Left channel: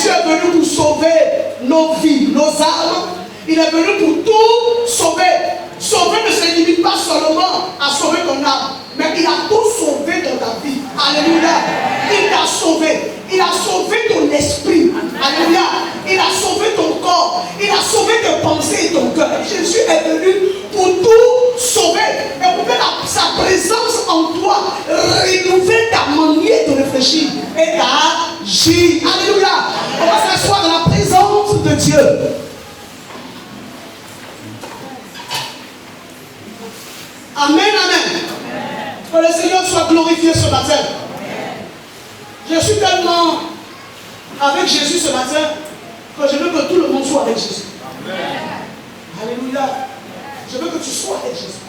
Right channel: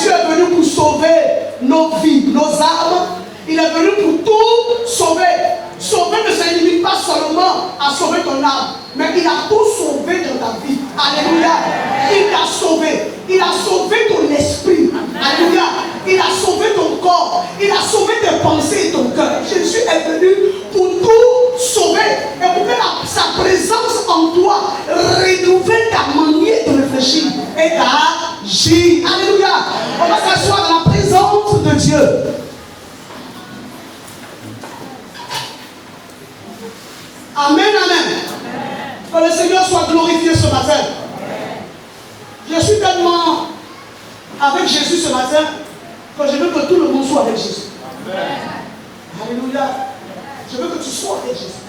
Jésus est venu pour sauver nos vies, nos âmes. Il est venu pour tout sauver. Sauver ne se limite pas seulement à sauver ton âme, mais il a tout sauvé dans ta vie. Alléluia. Il t'a sauvé. Il a sauvé ton esprit. Alléluia. Il a sauvé ton corps. Il a sauvé tes pensées et ton cœur. Jésus est venu pour tout sauver. Et pour que sa présence en toi renouvelle ta manière de réfléchir et d'agir. Alléluia. On va s'asseoir dans la présence de Dieu. Amen, amen. Que le Seigneur soit glorifié ce matin. Je suis tellement avec Jésus ce matin que je veux que tout le monde soit avec Jésus. Alléluia. Je veux que tu sois avec Jésus.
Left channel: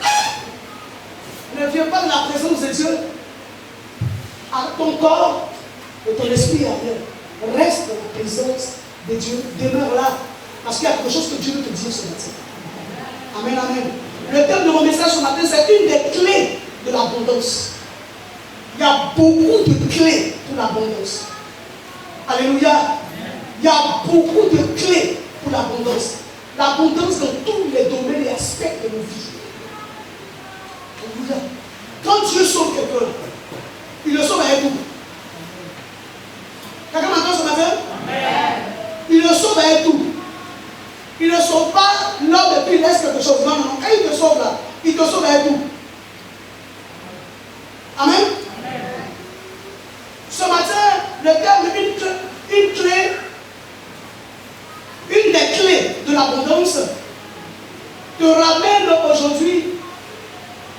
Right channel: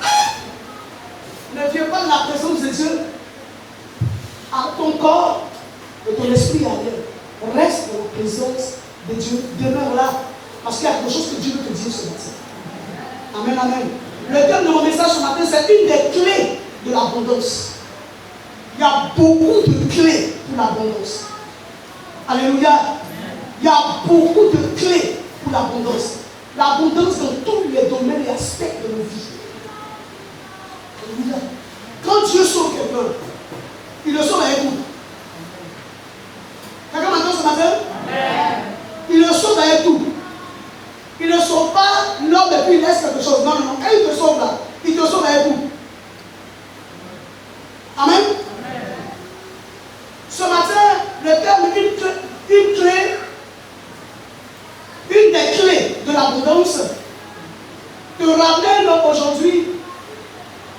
Ne viens pas dans la présence de Dieu avec ton corps et ton esprit à l'air. Reste dans la présence de Dieu. Demeure là. Parce qu'il y a quelque chose que Dieu veut te dire ce matin. Amen, amen. Le thème de mon message ce matin, c'est une des clés de l'abondance. Il y a beaucoup de clés pour l'abondance. Alléluia. Il y a beaucoup de clés pour l'abondance. L'abondance dans tous les domaines et aspects de nos vies. Alléluia. Quand Dieu sauve quelqu'un, il le sauve avec vous. Quelqu'un m'entend ce matin? Amen. Il le sauve avec tout. Il ne sauve pas l'homme et puis il laisse quelque chose. Non, non, quand il te sauve là, il te sauve avec tout. Amen. Amen. Ce matin, le thème, une des clés de l'abondance, te ramène aujourd'hui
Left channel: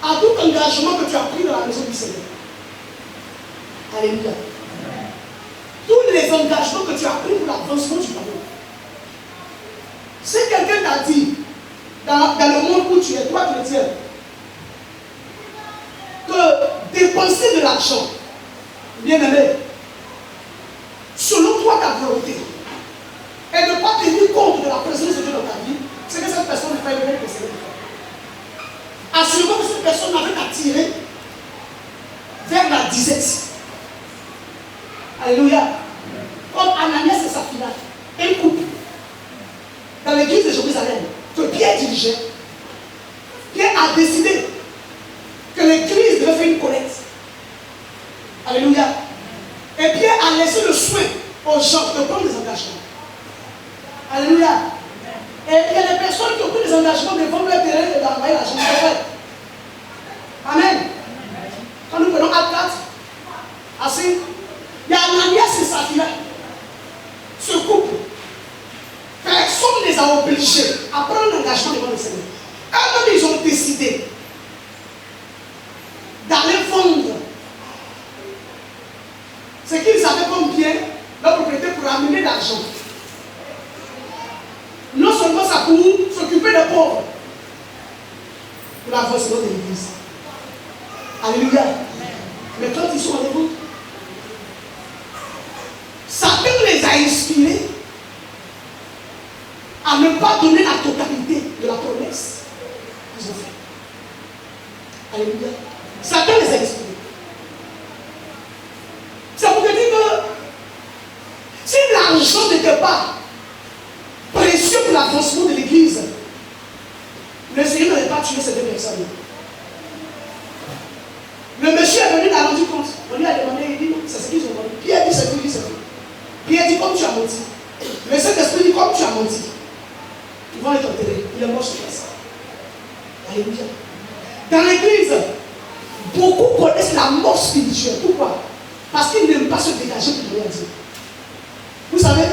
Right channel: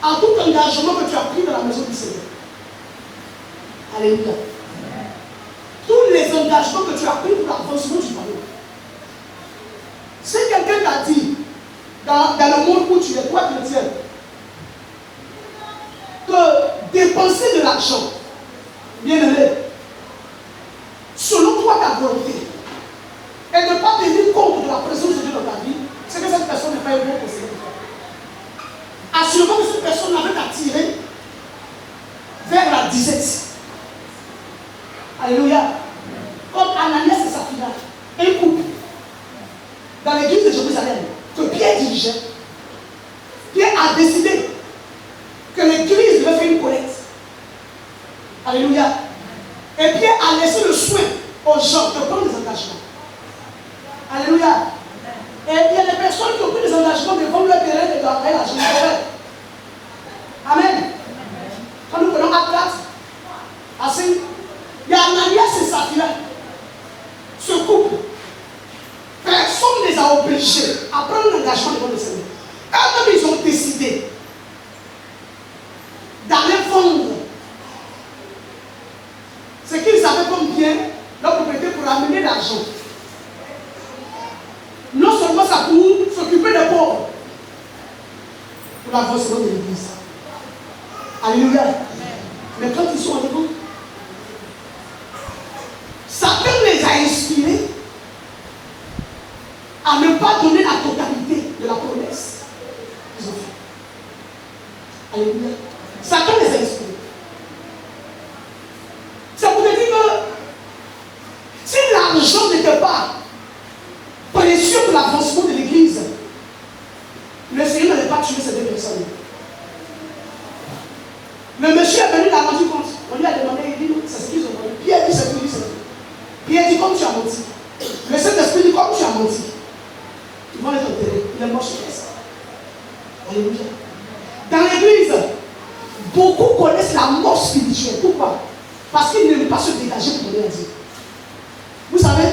à tout engagement que tu as pris dans la maison du Seigneur. Alléluia. Tous les engagements que tu as pris pour l'avancement du royaume. Si quelqu'un t'a dit, dans le monde où tu es, toi chrétien, que dépenser de l'argent, bien aimé, selon toi ta volonté, et ne pas tenir compte de la présence de Dieu dans ta vie, c'est que cette personne n'est pas une vraie personne. Assurément que cette personne avait attiré vers la disette. Alléluia. Comme Ananias et Saphira, un couple, dans l'église de Jérusalem, que Pierre dirigeait. Pierre a décidé que l'église devait faire une collecte. Alléluia. Et Pierre a laissé le soin aux gens de prendre des engagements. Alléluia. Et il y a des personnes qui ont pris des engagements de vendre leur terrain et d'envoyer l'argent. Amen. Quand nous prenons Acte 4, assez, il y a Ananias et Saphira. Ce couple, personne ne les a obligés à prendre un engagement devant le Seigneur. Eux-mêmes, ils ont décidé d'aller vendre ce qu'ils avaient comme bien, leur propriété, pour amener l'argent. Non seulement ça pour s'occuper des pauvres, pour l'avancement de l'église. Alléluia. Mais quand ils sont avec vous, Satan les a inspirés à ne pas donner la totalité de la promesse qu'ils ont fait. Alléluia. Satan les a inspirés. C'est pour te dire que si l'argent n'était pas précieux pour l'avancement de l'église, le Seigneur n'avait pas tué ces deux personnes. Le monsieur est venu, il a rendu compte. On lui a demandé, il dit, c'est ce qu'ils ont vendu. Pierre dit, c'est ce qu'il dit. Pierre dit, comme tu as menti. Le Saint-Esprit dit, comme tu as menti. Ils vont être enterrés. Il est mort sur place. Alléluia. Dans l'église, beaucoup connaissent la mort spirituelle. Pourquoi? Parce qu'ils n'aiment pas se dégager pour rien dire. Vous savez,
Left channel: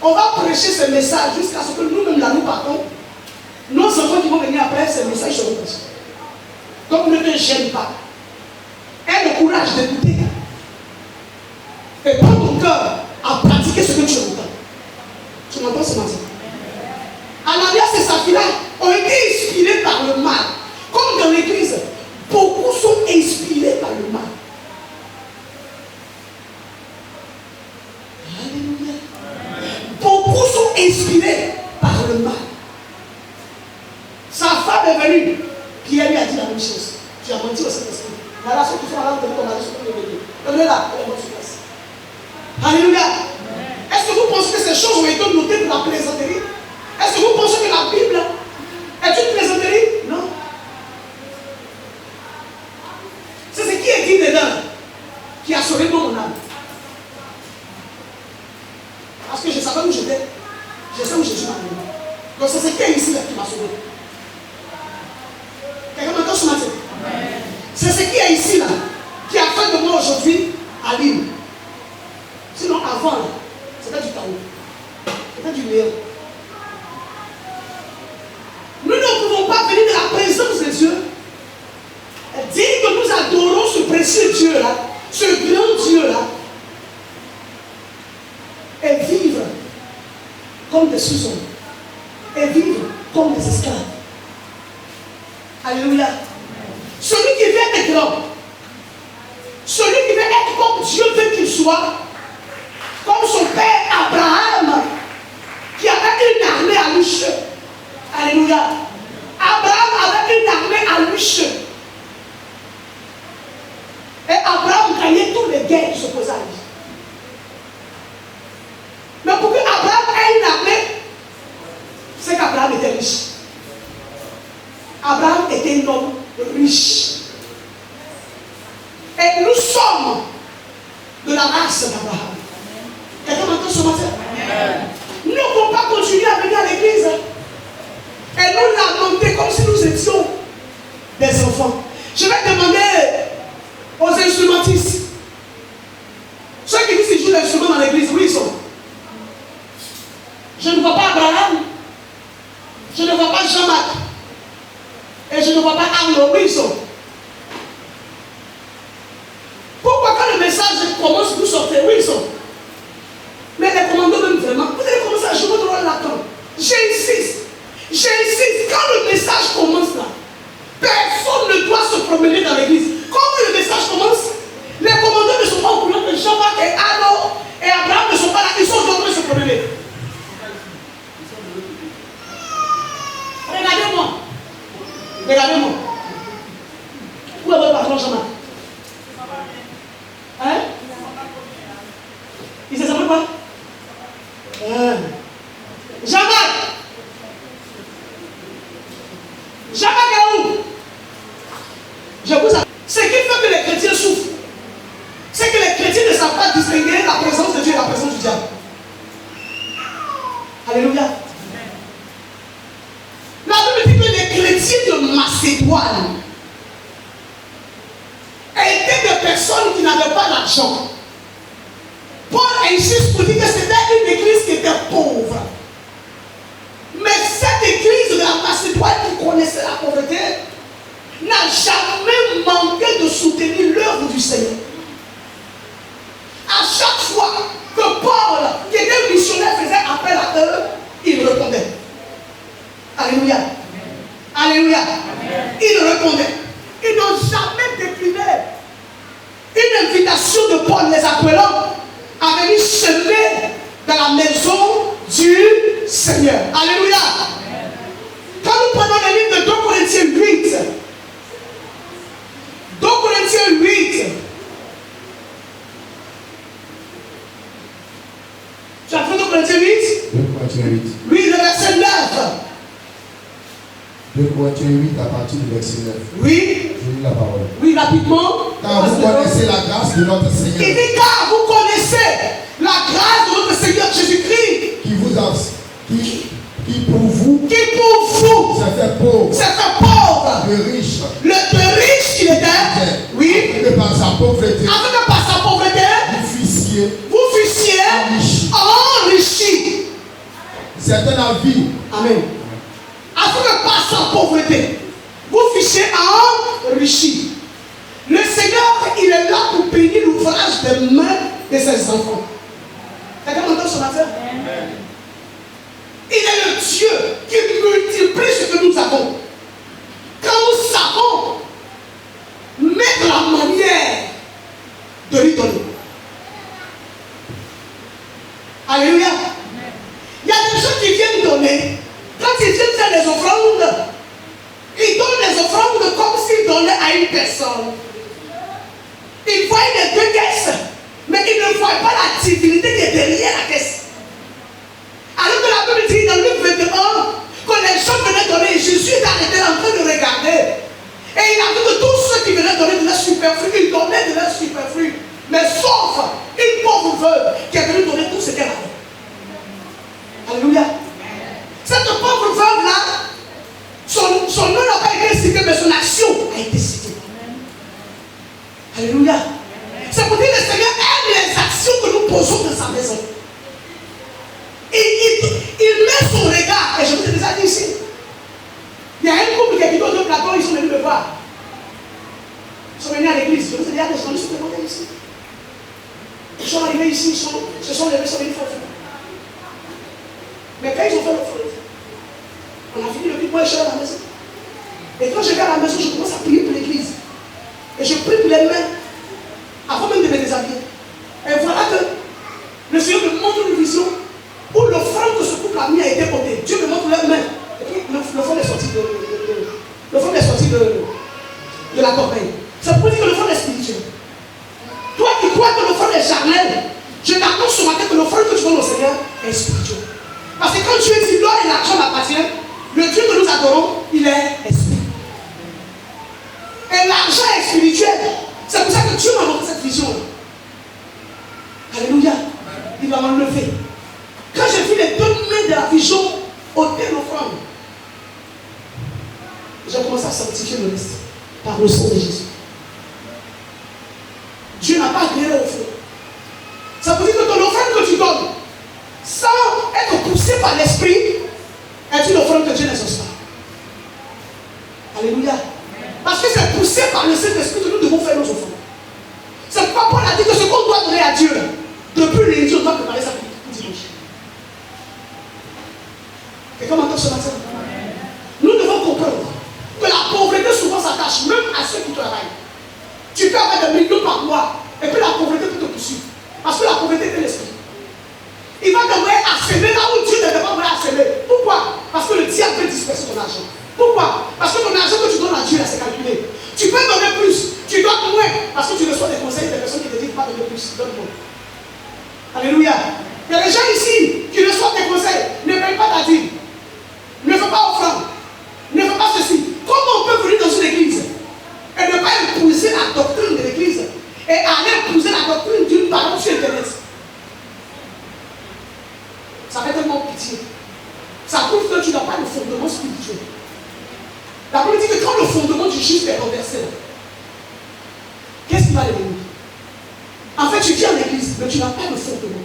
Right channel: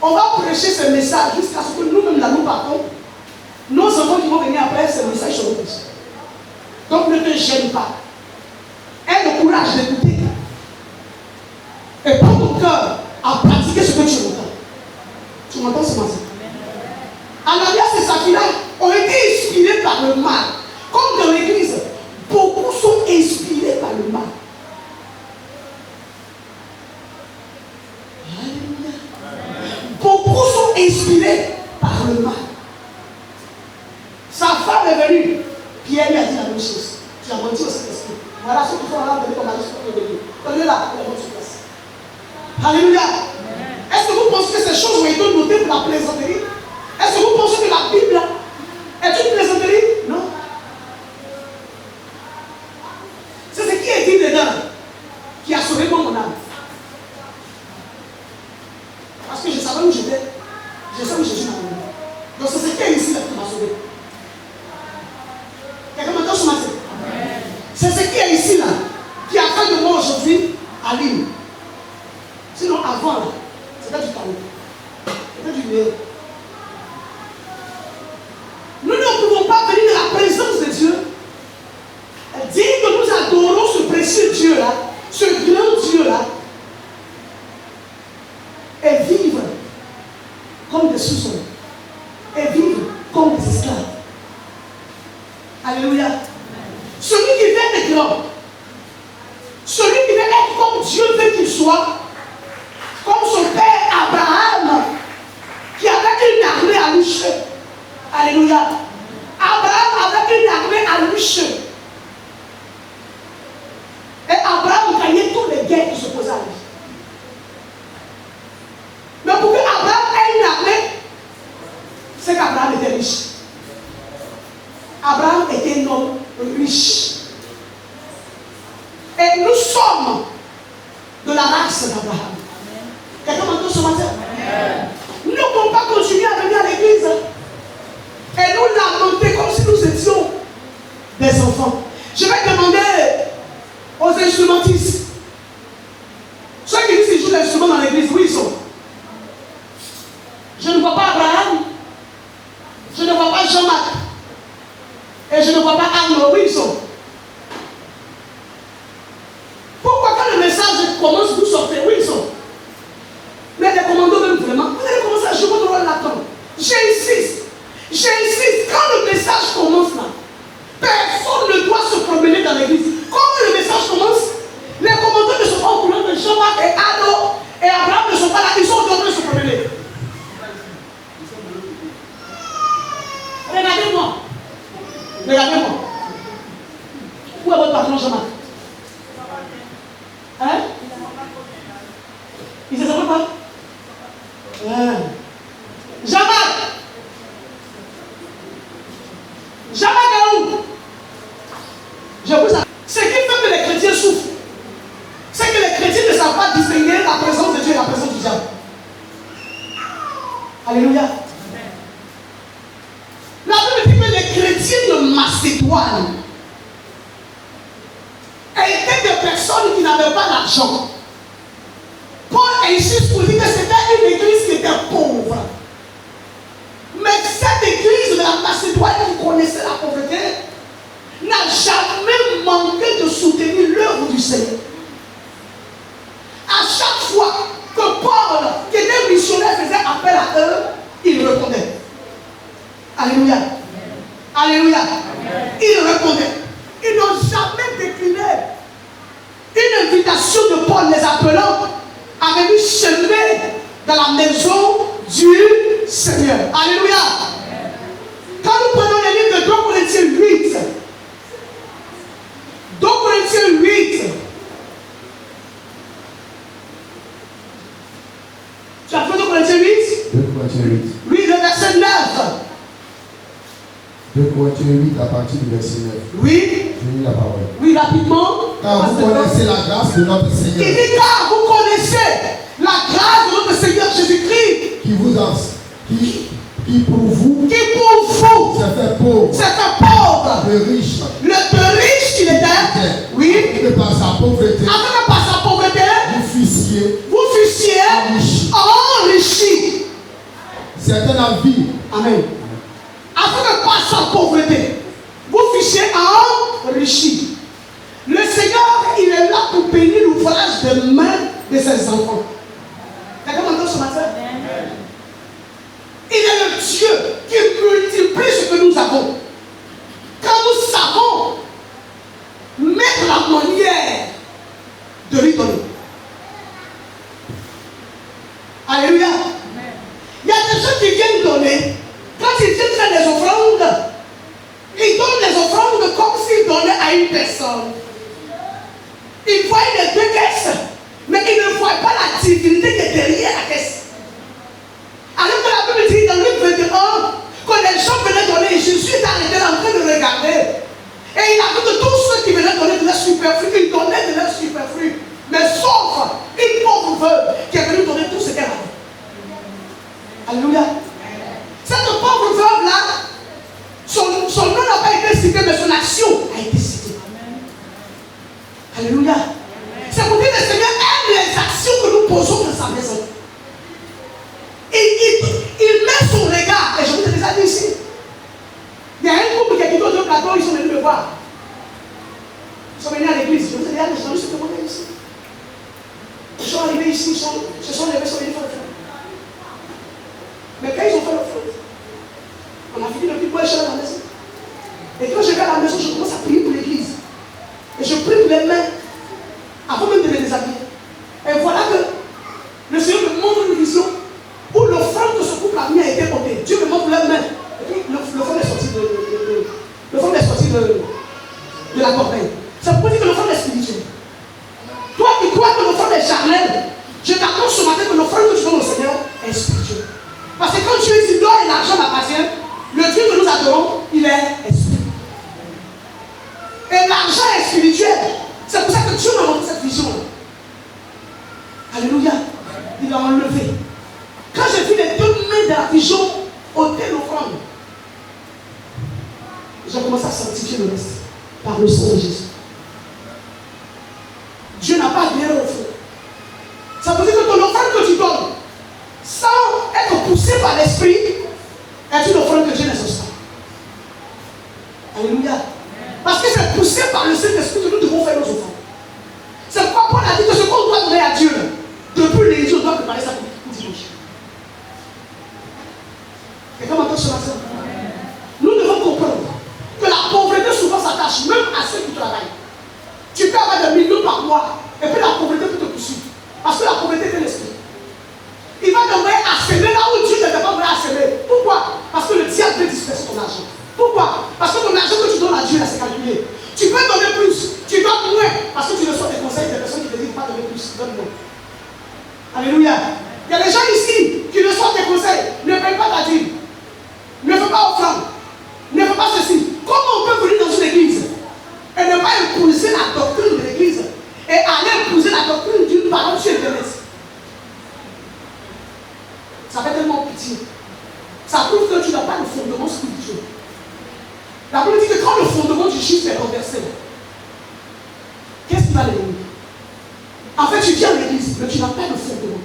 on va prêcher ce message jusqu'à ce que nous-mêmes, là, nous partons. Nos enfants qui vont venir après, ce message seront petits. Donc ne te gêne pas. Aie le courage d'écouter. Et prends ton cœur à pratiquer ce que tu entends. Tu m'entends ce matin? Ananias et Saphira ont été inspirés par le mal. Comme dans l'église, beaucoup sont inspirés par le mal. Alléluia. Beaucoup sont inspirés par le mal. Sa femme est venue. Pierre lui a dit la même chose. Tu as menti au Saint-Esprit. Voilà ceux qui sont là, on a reçu le bébé. Prenez-la, elle est sur place. Alléluia. Est-ce que vous la plaisanterie? Est-ce que vous pensez que la Bible est une plaisanterie? Non. C'est ce qui est dit dedans qui a sauvé mon âme. Parce que je savais où j'étais. Je sais où Jésus m'a amené. Donc c'est ce qui est ici là qui m'a sauvé. Quelqu'un m'entend ce matin? C'est ce qui est ici là qui a fait de moi aujourd'hui à l'île. Sinon avant là, c'était du chaos. C'était du néant. Nous ne pouvons pas venir de la présence de Dieu, dire que nous adorons ce précieux Dieu là, ce grand Dieu là, et vivre comme des sous-hommes, et vivre comme des esclaves. Alléluia. Celui qui veut être grand, celui qui veut être comme Dieu veut qu'il soit, comme son père Abraham, qui avait une armée à lui seul. Alléluia. Abraham avait une armée à lui seul. Et Abraham gagnait toutes les guerres qui s'opposaient à lui. Mais pour que Abraham ait une armée, c'est qu'Abraham était riche. Abraham était un homme riche. Et nous sommes de la race d'Abraham. Quelqu'un m'entend ce matin? Nous ne pouvons pas continuer à venir à l'église et nous lamenter comme si nous étions des enfants. Je vais demander aux instrumentistes. Ceux qui disent qu'ils jouent l'instrument dans l'église, où ils sont? Je ne vois pas Abraham. Je ne vois pas Jean-Marc. Et je ne vois pas Arnaud. Où ils sont? Pourquoi quand le message commence, vous sortez? Où ils sont? Mais les commandos même vraiment, vous allez commencer à jouer votre rôle là-dedans. J'insiste. Quand le message commence là, personne ne doit se promener dans l'église. Quand le message commence, les commandos ne sont pas au courant que Jean-Marc et Arnaud et Abraham ne sont pas là, ils sont en train de se promener. Regardez-moi. Où est votre patron Jean-Marc? Hein? Il se s'appelle quoi? Jean-Marc est où? Je vous appelle. Ce qui fait que les chrétiens souffrent, c'est que les chrétiens ne savent pas distinguer la présence de Dieu et la présence du diable. Alléluia. La Bible dit que les chrétiens de Macédoine étaient des personnes qui n'avaient pas d'argent. Paul insiste pour dire que c'était une église qui était pauvre. Mais cette église de la Macédoine qui connaissait la pauvreté n'a jamais manqué de soutenir l'œuvre du Seigneur. À chaque fois que Paul, qui était missionnaire, faisait appel à eux, il répondait. Alléluia. Alléluia. Il répondait. Ils n'ont jamais décliné une invitation de Paul les appelant à venir semer dans la maison du Seigneur. Alléluia. Quand nous prenons le livre de 2 Corinthiens 8, 2 Corinthiens 8, tu as fait 2 Corinthiens 8? 2 Corinthiens 8. Oui, le verset 9. 2 Corinthiens 8 à partir du verset 9. Oui. Je lis la parole. Oui, rapidement. Car vous connaissez la grâce de notre Seigneur. Il dit car vous connaissez la grâce de notre Seigneur Jésus-Christ. Qui pour vous s'est fait pauvre. De riche. De riche il était. Oui. Et par sa pauvreté. Afin que par sa pauvreté. Vous fussiez enrichi. C'est un avis. Amen. Afin que par sa pauvreté, vous fussiez enrichi. Le Seigneur, il est là pour bénir l'ouvrage des mains de ses enfants. Quelqu'un m'entend ce matin? Il est le Dieu qui multiplie ce que nous avons. Quand nous savons mettre la manière de lui donner. Alléluia. Il y a des gens qui viennent donner. Quand ils viennent faire des offrandes, ils donnent les offrandes comme s'ils donnaient à une personne. Ils voient les deux caisses, mais ils ne voient pas la divinité qui est derrière la caisse. Alors que la Alléluia. C'est pour dire que le Seigneur aime les actions que nous posons dans sa maison. Il met son regard, et je vous ai déjà dit ici. Il y a un couple qui est quitté de plateau, ils sont venus me voir. Ils sont venus à l'église. Je vous ai dit, ils sont venus se demander ici. Ils sont arrivés ici, ils se sont levés, ils sont venus faire l'offrande. Mais quand ils ont fait l'offrande, on a fini le plus moi et je suis à la maison. Et quand je vais à la maison, je commence à prier pour l'église. Et je prie pour les mains, avant même de me déshabiller. Et voilà que le Seigneur me montre une vision où l'offrande que ce couple a mis a été portée. Dieu me montre leurs mains. Et puis l'offrande est sortie de la corbeille. Ça pour dire que l'offrande est spirituelle. Toi qui crois que l'offrande est charnelle, je t'annonce ce matin que l'offrande que tu donnes au Seigneur est spirituelle. Parce que quand Dieu dit l'or et l'argent m'appartiennent, le Dieu que nous adorons, il est esprit. Et l'argent est spirituel. C'est pour ça que Dieu m'a montré cette vision. Alléluia. Il l'a enlevé. Quand j'ai vu les deux mains de la vision ôter l'offrande, j'ai commencé à sanctifier le reste par le sang de Jésus. Dieu n'a pas rien offert. Ça veut dire que ton offrande que tu donnes, sans être poussé par l'esprit, est une offrande que Dieu n'exauce pas. Alléluia. Parce que c'est poussé par le Saint-Esprit que nous devons faire nos offrandes. C'est pourquoi Paul a dit que ce qu'on doit donner à Dieu, depuis l'église, on doit préparer ça pour dimanche. Quelqu'un m'entend ce matin? Nous devons comprendre que la pauvreté souvent s'attache même à ceux qui travaillent. Tu peux avoir des millions par mois, et puis la pauvreté peut te poursuivre. Parce que la pauvreté est l'esprit. Il va t'envoyer à semer là où Dieu ne t'a pas envoyé à semer. Pourquoi? Parce que le diable veut disperser ton argent. Pourquoi? Parce que ton argent que tu donnes à Dieu, là, c'est calculé. Tu peux donner plus, tu donnes moins, parce que tu reçois des conseils des personnes qui te disent pas donner plus, donne moins. Alléluia. Il y a des gens ici qui reçoivent des conseils, ne paye pas ta dîme, ne fais pas offrande, ne fais pas ceci. Comment on peut venir dans une église et ne pas épouser la doctrine de l'église et aller épouser la doctrine d'une parole sur Internet? Ça fait tellement pitié. Ça prouve que tu n'as pas de fondement spirituel. La Bible dit que quand le fondement du juste est renversé, qu'est-ce qui va devenir? En fait, tu viens à l'église, mais tu n'as pas de fondement.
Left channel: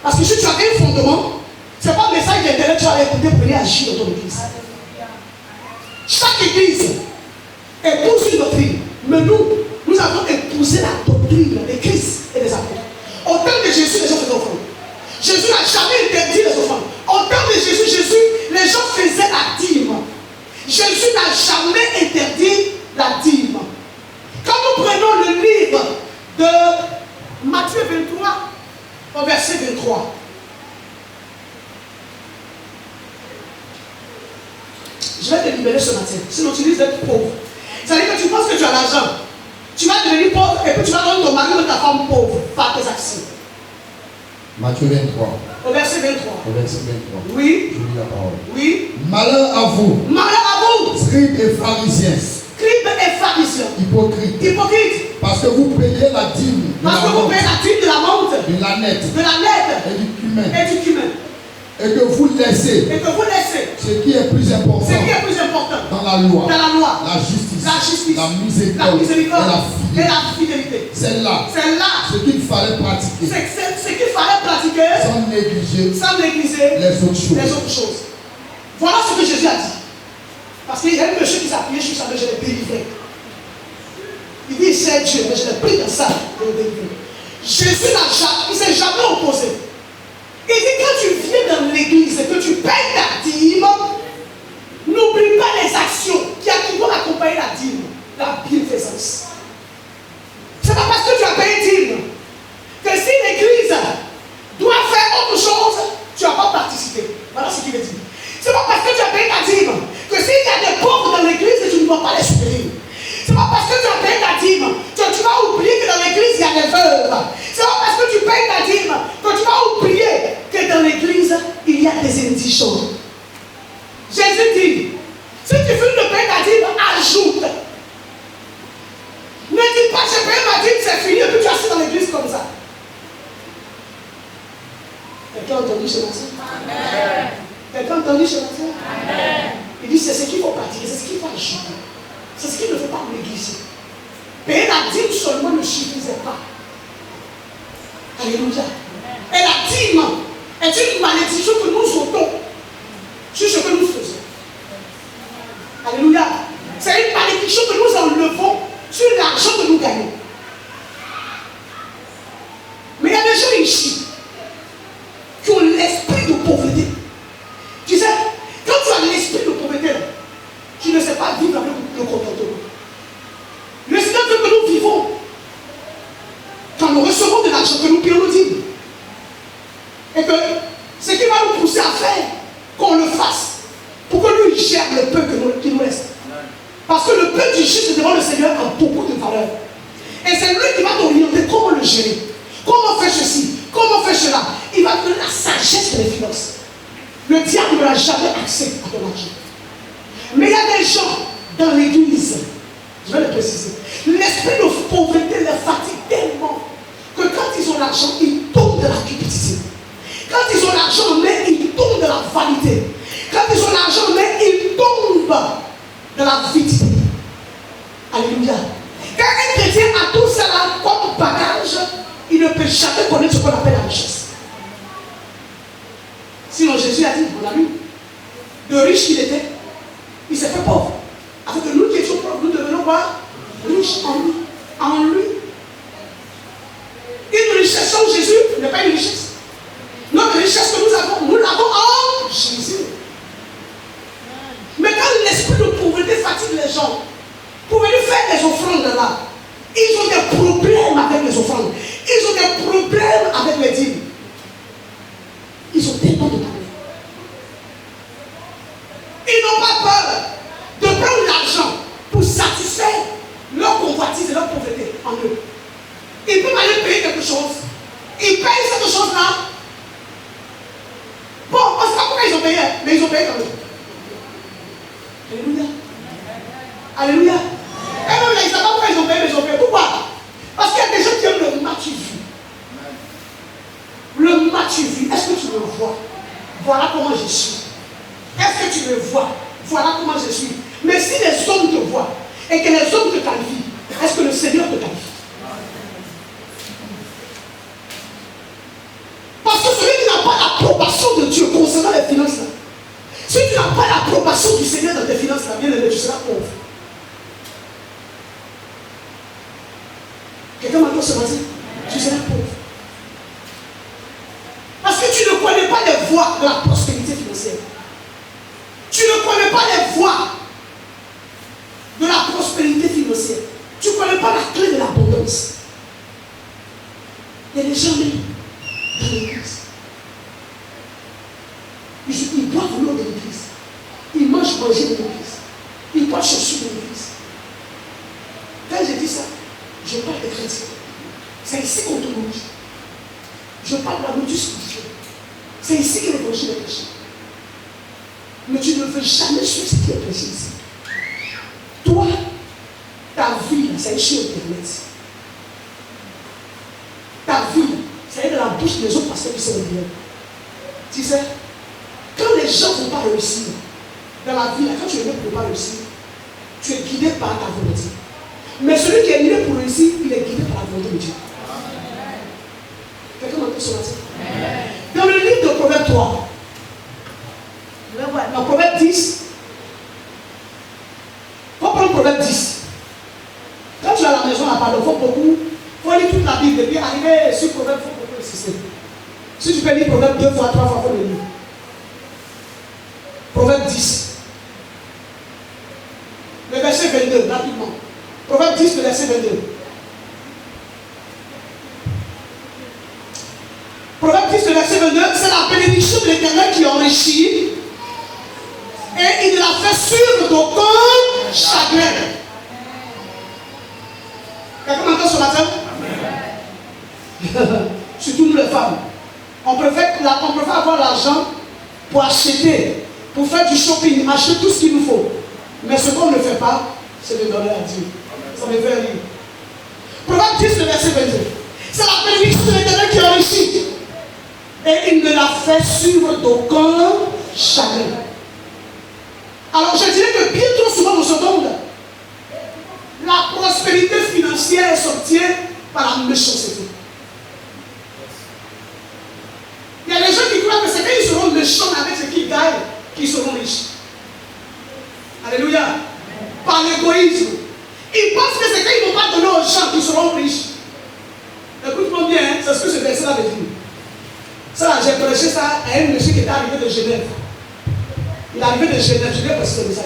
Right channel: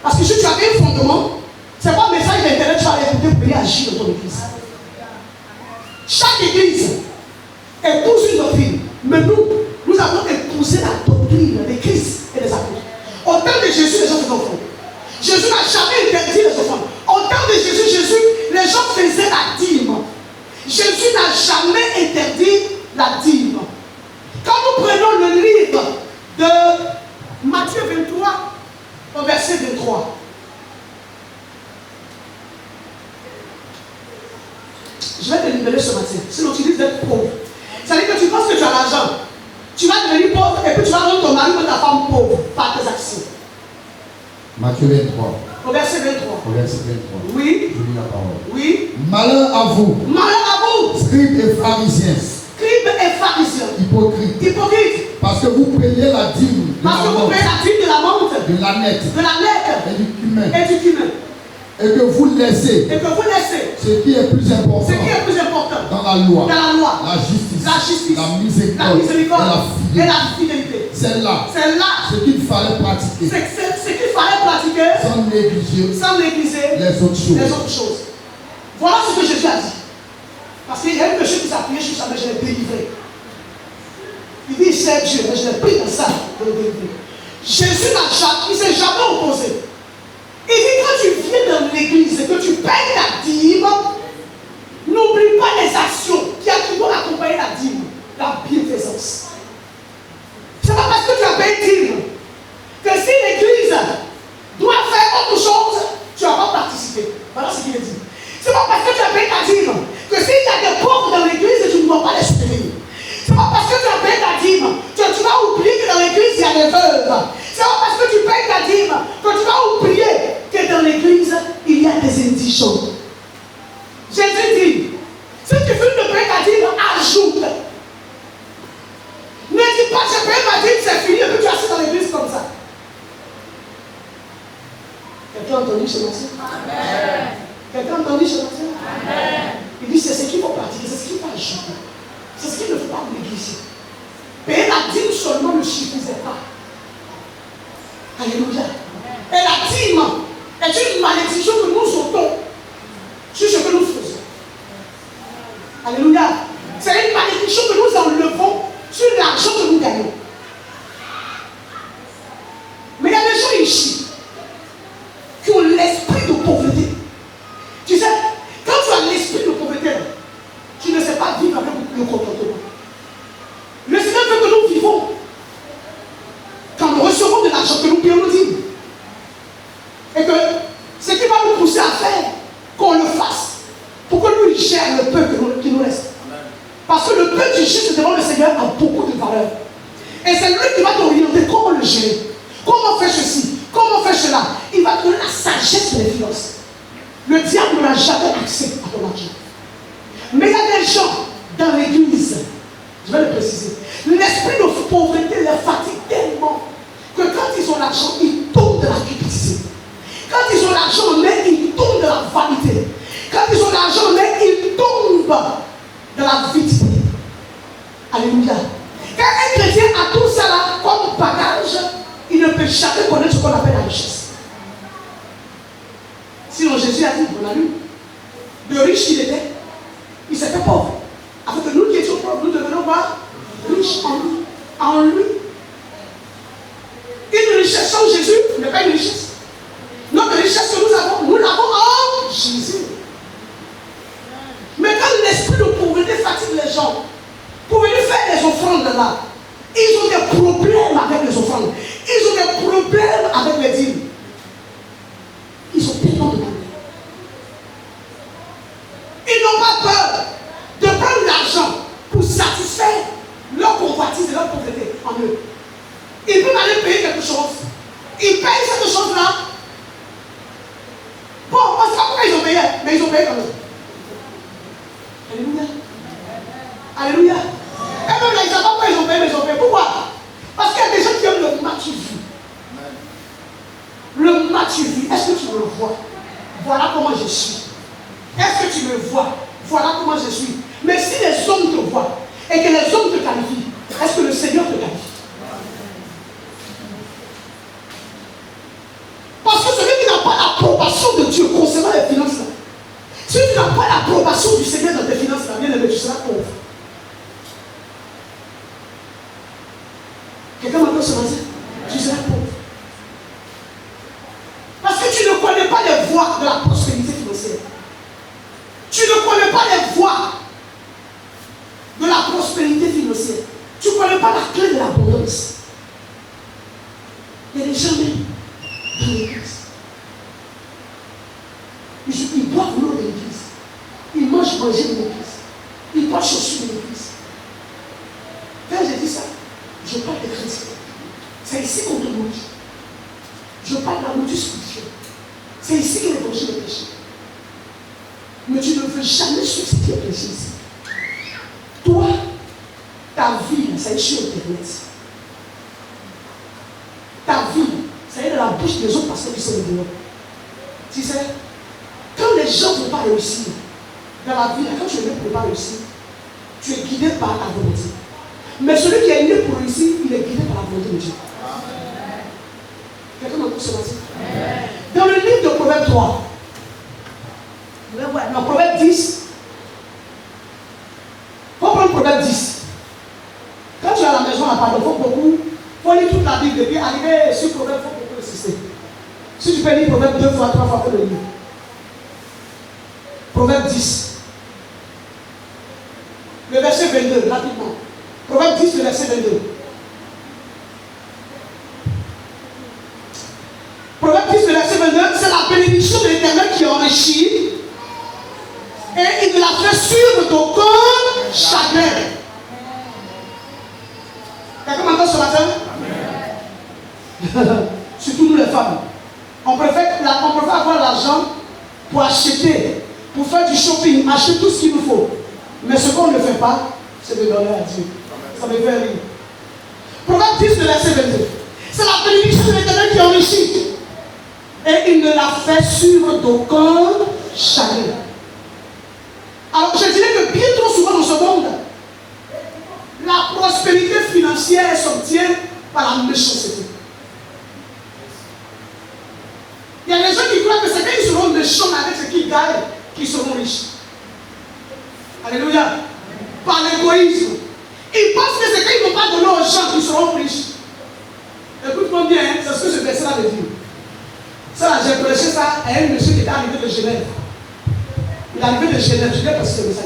Parce que si tu as un fondement, c'est pas un message d'intérêt que tu vas écouter pour aller agir dans ton église. Chaque église épouse une doctrine, mais nous avons épousé la doctrine des Christ et des apôtres. Au temps de Jésus, les gens faisaient offrande. Jésus n'a jamais interdit les offrandes. Au temps de Jésus, les gens faisaient la dîme. Jésus n'a jamais interdit la dîme. Quand nous prenons le livre de Matthieu 23, au verset 23, je vais te libérer ce matin. Sinon, tu risques d'être pauvre. C'est-à-dire que tu penses que tu as l'argent. Tu vas devenir pauvre et puis tu vas rendre ton mari ou ta femme pauvre par tes actions. Matthieu 23. Au verset 23. Au verset 23. Oui. Je lis la parole. Oui. Malheur à vous. Malheur à vous. Scribes et pharisiens. Scribes et pharisiens. Hypocrites. Hypocrites. Parce que vous payez la dîme. Parce que vous payez la dîme de la menthe. De la nette. De la nette. Et du cumin. Et du cumin. Et que vous laissez. Et que vous laissez. Ce qui est plus important. Ce qui est plus important. Dans la loi. Dans la loi. La justice. La justice. La miséricorde. La miséricorde. Et la fidélité. C'est là. C'est là. Ce qu'il fallait pratiquer. C'est ce qu'il fallait pratiquer. Sans négliger. Sans négliger. Les autres choses. Les autres choses. Voilà ce que Jésus a dit. Parce qu'il y a un monsieur qui s'est appuyé sur ça, mais je l'ai délivré. Il dit, c'est Dieu, mais je l'ai pris dans ça et le délivré. Jésus il ne s'est jamais opposé. Il dit, quand tu viens dans l'église et que tu payes ta dîme, n'oublie pas les actions qui vont accompagner la dîme, la bienfaisance. C'est pas parce que tu as payé dîme que si l'église doit faire autre chose, tu n'as pas participé. Voilà ce qu'il veut dire. C'est pas parce que tu as payé ta dîme que s'il y a des pauvres dans l'église, tu ne dois pas les soutenir. C'est pas parce que tu as payé ta dîme que tu vas oublier que dans l'église il y a des veuves. C'est pas parce que tu payes ta dîme que tu vas oublier que dans l'église il y a des indigents. Jésus dit, si tu finis de payer ta dîme, ajoute. Ne dis pas j'ai payé ma dîme, c'est fini, et puis tu es assis dans l'église comme ça. Quelqu'un a entendu ce matin? Amen. Quelqu'un a entendu ce matin? Amen. Il dit c'est ce qu'il faut pratiquer, c'est ce qu'il faut ajouter. C'est ce qu'il ne faut pas négliger. Payer la la dîme seulement ne suffisait pas. Alléluia. Et la dîme est une malédiction que nous ôtons sur ce que nous faisons. Alléluia. C'est une malédiction que nous enlevons sur l'argent que nous gagnons. Mais il y a des gens ici qui ont l'esprit de pauvreté. Tu sais, quand tu as l'esprit de pauvreté, tu ne sais pas vivre avec le contentement. Le Seigneur veut que nous vivons. Quand nous recevons de l'argent, que nous payons nos dîmes. Et que ce qui va nous pousser à faire, qu'on le fasse. Pour que lui gère le peu qui nous reste. Parce que le peu du juste devant le Seigneur a beaucoup de valeur. Et c'est lui qui va t'orienter comment le gérer. Comment faire ceci, comment faire cela. Il va te donner la sagesse des finances. Le diable ne l'a jamais accès à ton argent. Mais il y a des gens dans l'église, je vais le préciser, l'esprit de pauvreté les fatigue tellement que quand ils ont l'argent, ils tombent de la cupidité. Quand ils ont l'argent, mais ils tombent de la vanité. Quand ils ont l'argent, mais ils tombent de la vitesse. Alléluia. Quand un chrétien a tout cela comme bagage, il ne peut jamais connaître ce qu'on appelle la richesse. Sinon Jésus a dit, on l'a lu, de riche qu'il était, il s'est fait pauvre. Afin que nous qui étions pauvres, nous devenons pas riches en lui. En lui. Une richesse sans Jésus n'est pas une richesse. Notre richesse que nous l'avons en Jésus. Mais quand l'esprit de pauvreté fatigue les gens, pour venir faire des offrandes là, ils ont des problèmes avec les offrandes. Ils ont des problèmes avec les dîmes. Ils ont tellement de problèmes. Ils n'ont pas peur de prendre l'argent pour satisfaire leur convoitise et leur pauvreté en eux. Ils peuvent aller payer quelque chose. Ils payent cette chose-là. Bon, on ne sait pas pourquoi ils ont payé, mais ils ont payé quand même. Alléluia. Alléluia. Et même là, ils ne savent pas pourquoi ils ont payé, mais ils ont payé. Pourquoi? Parce qu'il y a des gens qui aiment le matu-vu. Le matu-vu, est-ce que tu me vois? Voilà comment je suis. Est-ce que tu me vois? Voilà comment je suis. Mais si les hommes te voient et que les hommes te qualifient, est-ce que le Seigneur te qualifie? Parce que celui qui n'a pas l'approbation de Dieu concernant les finances, celui qui n'a pas l'approbation du Seigneur dans tes finances, bien aimé, tu seras pauvre. Quelqu'un m'entend ce matin? Tu seras pauvre. Parce que tu ne connais pas les voies de la prospérité financière. Tu ne connais pas les voies de la prospérité financière. Tu ne connais pas la clé de l'abondance. Il y a des gens dans l'église. Ils boivent l'eau de l'église. Ils mangent manger de l'église. Ils portent chaussures de l'église. Quand je dis ça, je parle des chrétiens. C'est ici qu'on te mange. Je parle de la nourriture spirituelle. C'est ici que l'évangile est prêché. Mais tu ne veux jamais suivre ce qui est prêché ici. Toi, ta vie, c'est sur Internet. Ta vie, c'est de la bouche des autres pasteurs qui sont dehors. Tu sais, quand les gens ne vont pas réussir dans la vie, quand tu es né pour ne pas réussir, tu es guidé par ta volonté. Mais celui qui est né pour réussir, il est guidé par la volonté de Dieu. Quelqu'un m'entend ce matin? Dans le livre de Proverbe 3, dans Proverbe 10, il faut prendre Proverbe 10. Quand tu es à la maison à parler, il faut beaucoup, il faut lire toute la Bible, et puis arriver sur Proverbe, il faut beaucoup insister. Si tu peux lire Proverbe 2 fois, 3 fois, il faut le lire. Proverbe 10. Le verset 22, rapidement. Proverbe 10, le verset 22. Proverbe 10, le verset 22, c'est la bénédiction de l'Éternel qui enrichit et il la fait sur d'aucun chagrin. Quelqu'un m'entend ce matin? Surtout nous les femmes. On préfère avoir l'argent pour acheter, pour faire du shopping, acheter tout ce qu'il nous faut. Mais ce qu'on ne fait pas, c'est de donner à Dieu. Ça me fait rire. Proverbe 10, le verset 22. C'est la bénédiction de l'Éternel qui enrichit. Et il ne la fait suivre d'aucun chagrin. Alors je dirais que bien trop souvent dans ce monde, la prospérité financière financière s'obtient par la méchanceté. Il y a des gens qui croient que c'est qu'ils seront méchants avec ce qu'ils gagnent qu'ils seront riches. Alléluia. Par l'égoïsme. Ils pensent que c'est qu'ils n'ont pas donné aux gens qui seront riches. Écoute-moi bien, hein, c'est ce que ce verset-là veut dire. Ça, là, j'ai prêché ça à un monsieur qui était arrivé de Genève. Il est arrivé de Genève, je viens passer ce message.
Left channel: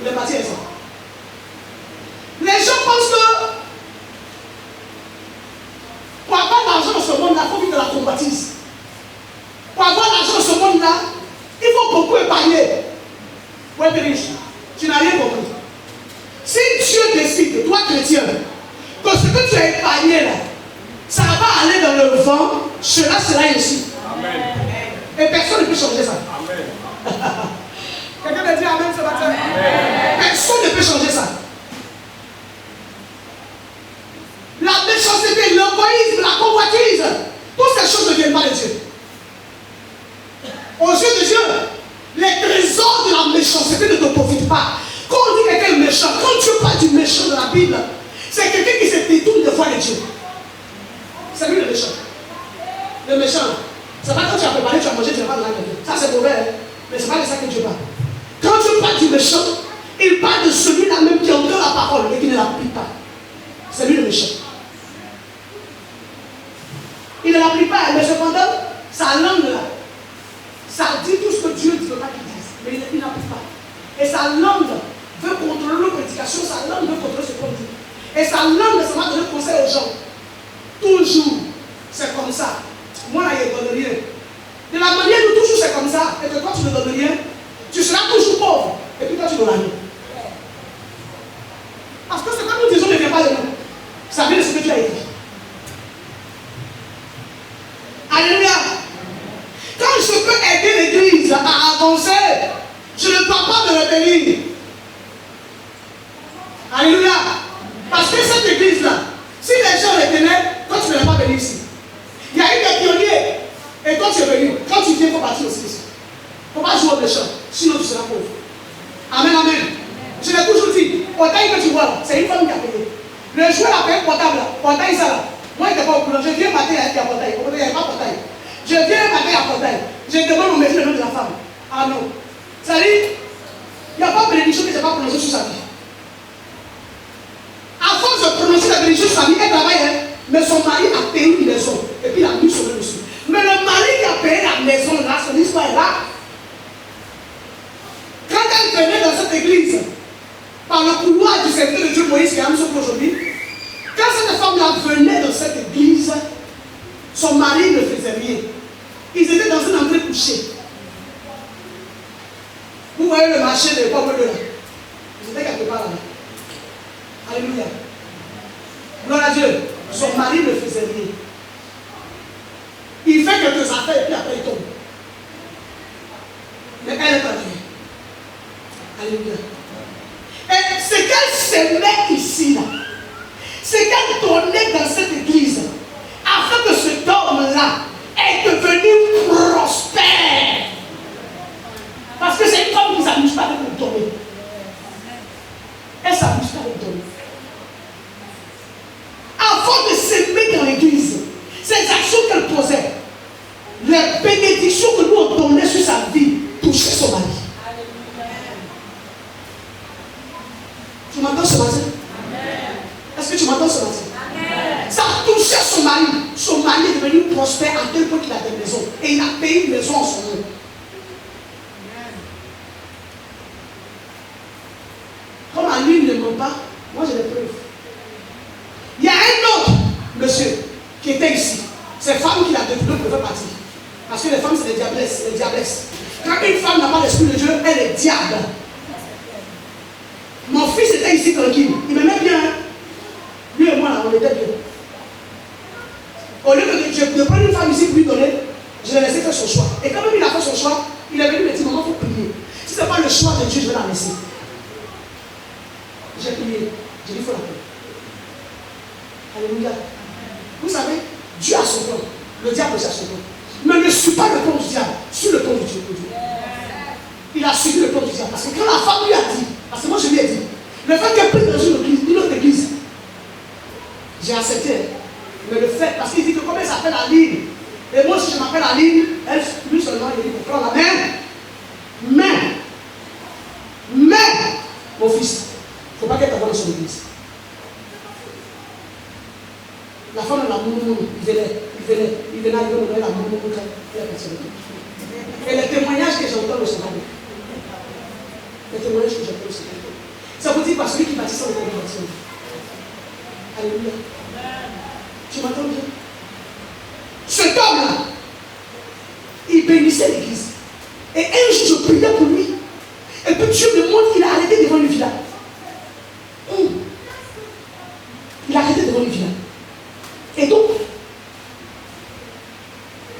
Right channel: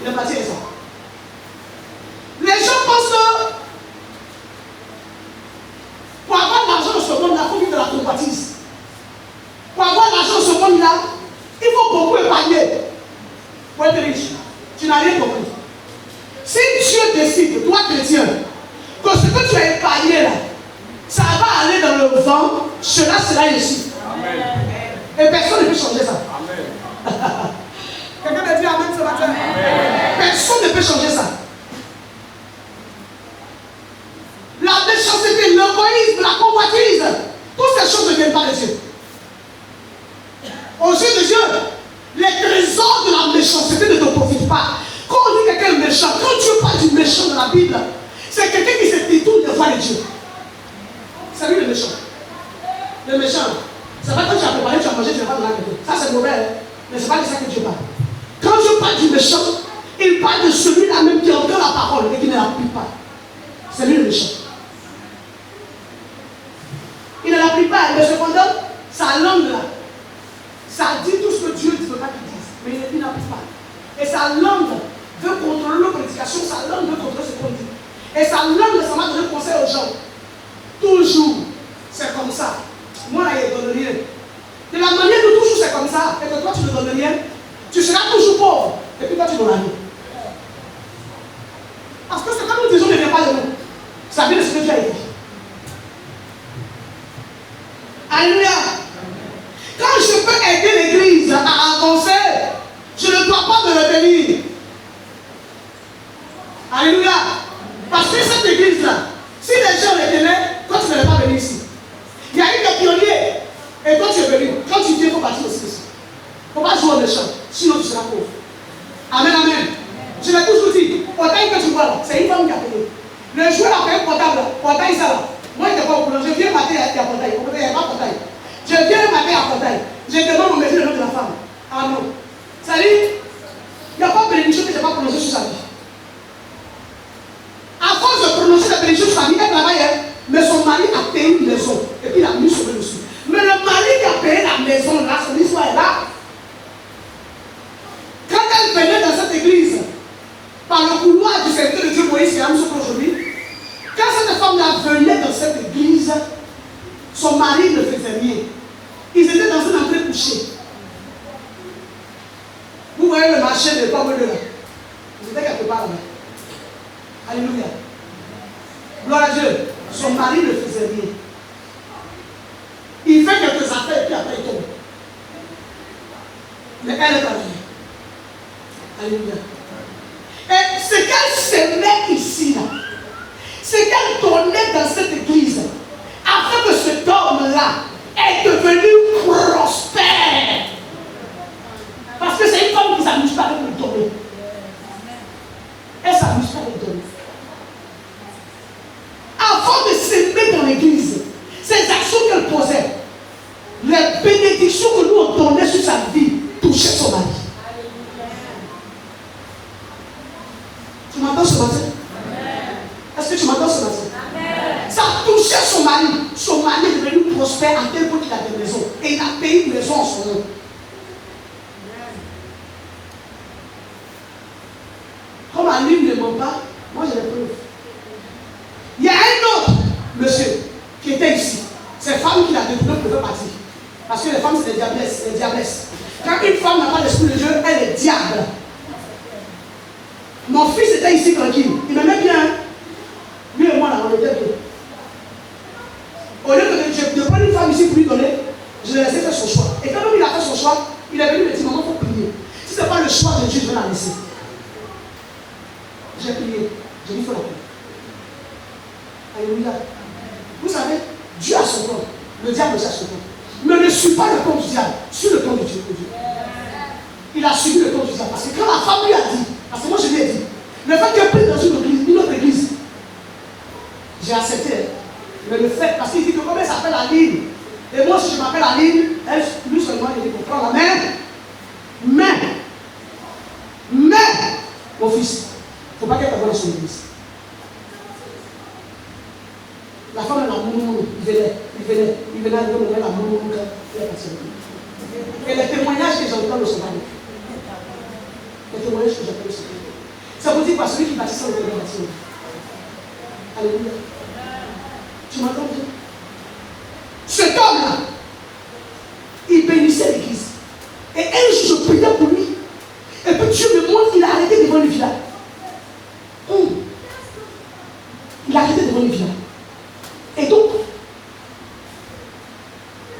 Il est parti avec ça. Les gens pensent que pour avoir l'argent dans ce monde-là, il faut vivre de la convoitise. Pour avoir l'argent dans ce monde-là, il faut beaucoup épargner pour être riche. Tu n'as rien compris. Si Dieu décide, toi chrétien, que ce que tu as épargné là, ça va aller dans le vent, cela sera ici. Amen. Et personne ne peut changer ça. Amen. Quelqu'un me dit Amen ce matin. Personne ne peut changer ça. La méchanceté, l'égoïsme, la convoitise, toutes ces choses ne viennent pas de Dieu. Aux yeux de Dieu, les trésors de la méchanceté ne te profitent pas. Quand on dit quelqu'un est méchant, quand Dieu parle du méchant dans la Bible, c'est quelqu'un qui se détourne de voir de Dieu. C'est lui le méchant. Le méchant, c'est pas quand tu as préparé, tu as mangé, tu n'as pas donné à quelqu'un. Ça c'est mauvais, hein? Mais c'est pas de ça que Dieu parle. Quand Dieu parle du méchant, il parle de celui-là même qui entend la parole et qui ne l'applique pas. C'est lui le méchant. Il ne l'applique pas, mais cependant, sa langue là, ça dit tout ce que Dieu ne veut pas qu'il dise, mais il n'applique pas. Et sa langue veut contrôler nos prédications, sa langue veut contrôler ce qu'on dit. Et sa langue, ça va donner conseil aux gens. Toujours, c'est comme ça. Moi là, il ne donne rien. De la manière où toujours c'est comme ça, et que toi tu ne donnes rien, tu seras toujours pauvre. Et puis toi tu donnes rien. Parce que ce que nous disons ne vient pas de nous. Ça vient de ce que Dieu a écrit. Alléluia. Quand je peux aider l'église à avancer, je ne dois pas me retenir. Alléluia. Parce que cette église-là, si les gens retenaient, toi tu ne vas pas venir ici. Il y a eu des pionniers. Et toi tu es venu. Quand tu viens, il faut partir aussi ici. Il ne faut pas jouer au méchant. Sinon tu seras pauvre. Amen, amen. Je l'ai toujours dit. Portail que tu vois là, c'est une femme qui a payé. Le joueur a payé portable. Portail ça là. Moi je n'étais pas au courant. Je viens matin il y a portail. Il n'y a pas portail. Je viens matin à portail. Je demande au métier le nom de la femme. Ah non. Ça dit, il n'y a pas de bénédiction qui ne s'est pas prononcée sur sa vie. À force de prononcer la bénédiction sur sa vie, elle travaille, mais son mari a payé une maison. Et puis il a mis sur le dessus. Mais le mari qui a payé la maison là, son histoire est là. Quand elle venait dans cette église, par le couloir du serviteur de Dieu Moïse qui a mis sur aujourd'hui, quand cette femme-là venait dans cette église, son mari ne faisait rien. Ils étaient dans une entrée couchée. Vous voyez le marché de l'époque là. Ils étaient quelque part là-bas. Alléluia. Gloire à Dieu. Son mari ne faisait rien. Il fait quelques affaires et puis après il tombe. Mais elle est arrivée. Alléluia. Et ce qu'elle semait ici là, c'est qu'elle donnait dans cette église afin que cet homme-là est devenu prospère. Parce que c'est une femme qui ne s'amuse pas avec le donner. Elle ne s'amuse pas avec le donner. Avant de s'aimer dans l'église, ces actions qu'elle posait, les bénédictions que nous on donnait sur sa vie, touchaient son mari. Tu m'entends ce matin? Est-ce que tu m'entends ce matin? Ça touchait son mari. Son mari est devenu prospère à tel point qu'il a des maisons. Et il a payé une maison en son nom. Comme à lui ne ment pas, moi j'ai des preuves. Il y a un autre monsieur qui était ici. Ces femmes qui la détourné pour faire partir. Parce que les femmes c'est des diablesses, des diablesses. Quand une femme n'a pas l'esprit de Dieu, elle est diable. Mon fils était ici tranquille. Il m'aimait bien. Lui et moi là, on était bien. Au lieu de prendre une femme ici pour lui donner, je l'ai laissé faire son choix. Et quand il a fait son choix, il est venu me dire, maman, il faut prier. Si ce n'est pas le choix de Dieu, je vais la laisser. J'ai prié. J'ai dit, il faut la paix. Alléluia. Vous savez, Dieu a son plan. Le diable aussi a son plan. Mais ne suis pas le plan du diable, suis le plan de Dieu. Il a suivi le plan du diable. Parce que quand la femme lui a dit, parce que moi je lui ai dit, le fait qu'elle prie dans une autre église, J'ai accepté. Mais le fait, parce qu'il dit que comme elle s'appelle Aline, et moi si je m'appelle Aline, elle, lui seulement il dit qu'on prend la main. Mais, mon fils, il ne faut pas qu'elle commence son église. La femme de la moumoumou, il venait à donner la moumoumou quand elle est partie. Et les témoignages que j'entends ne sont pas bons. Les témoignages que j'entends ne sont pas bons. Ça veut dire que celui qui bâtissait le témoignage. Alléluia. Tu m'entends bien? Cet homme-là, il bénissait l'église. Et un jour, je priais pour lui. Et puis Dieu me montre qu'il a arrêté devant une villa. Il a arrêté devant une villa. Et donc,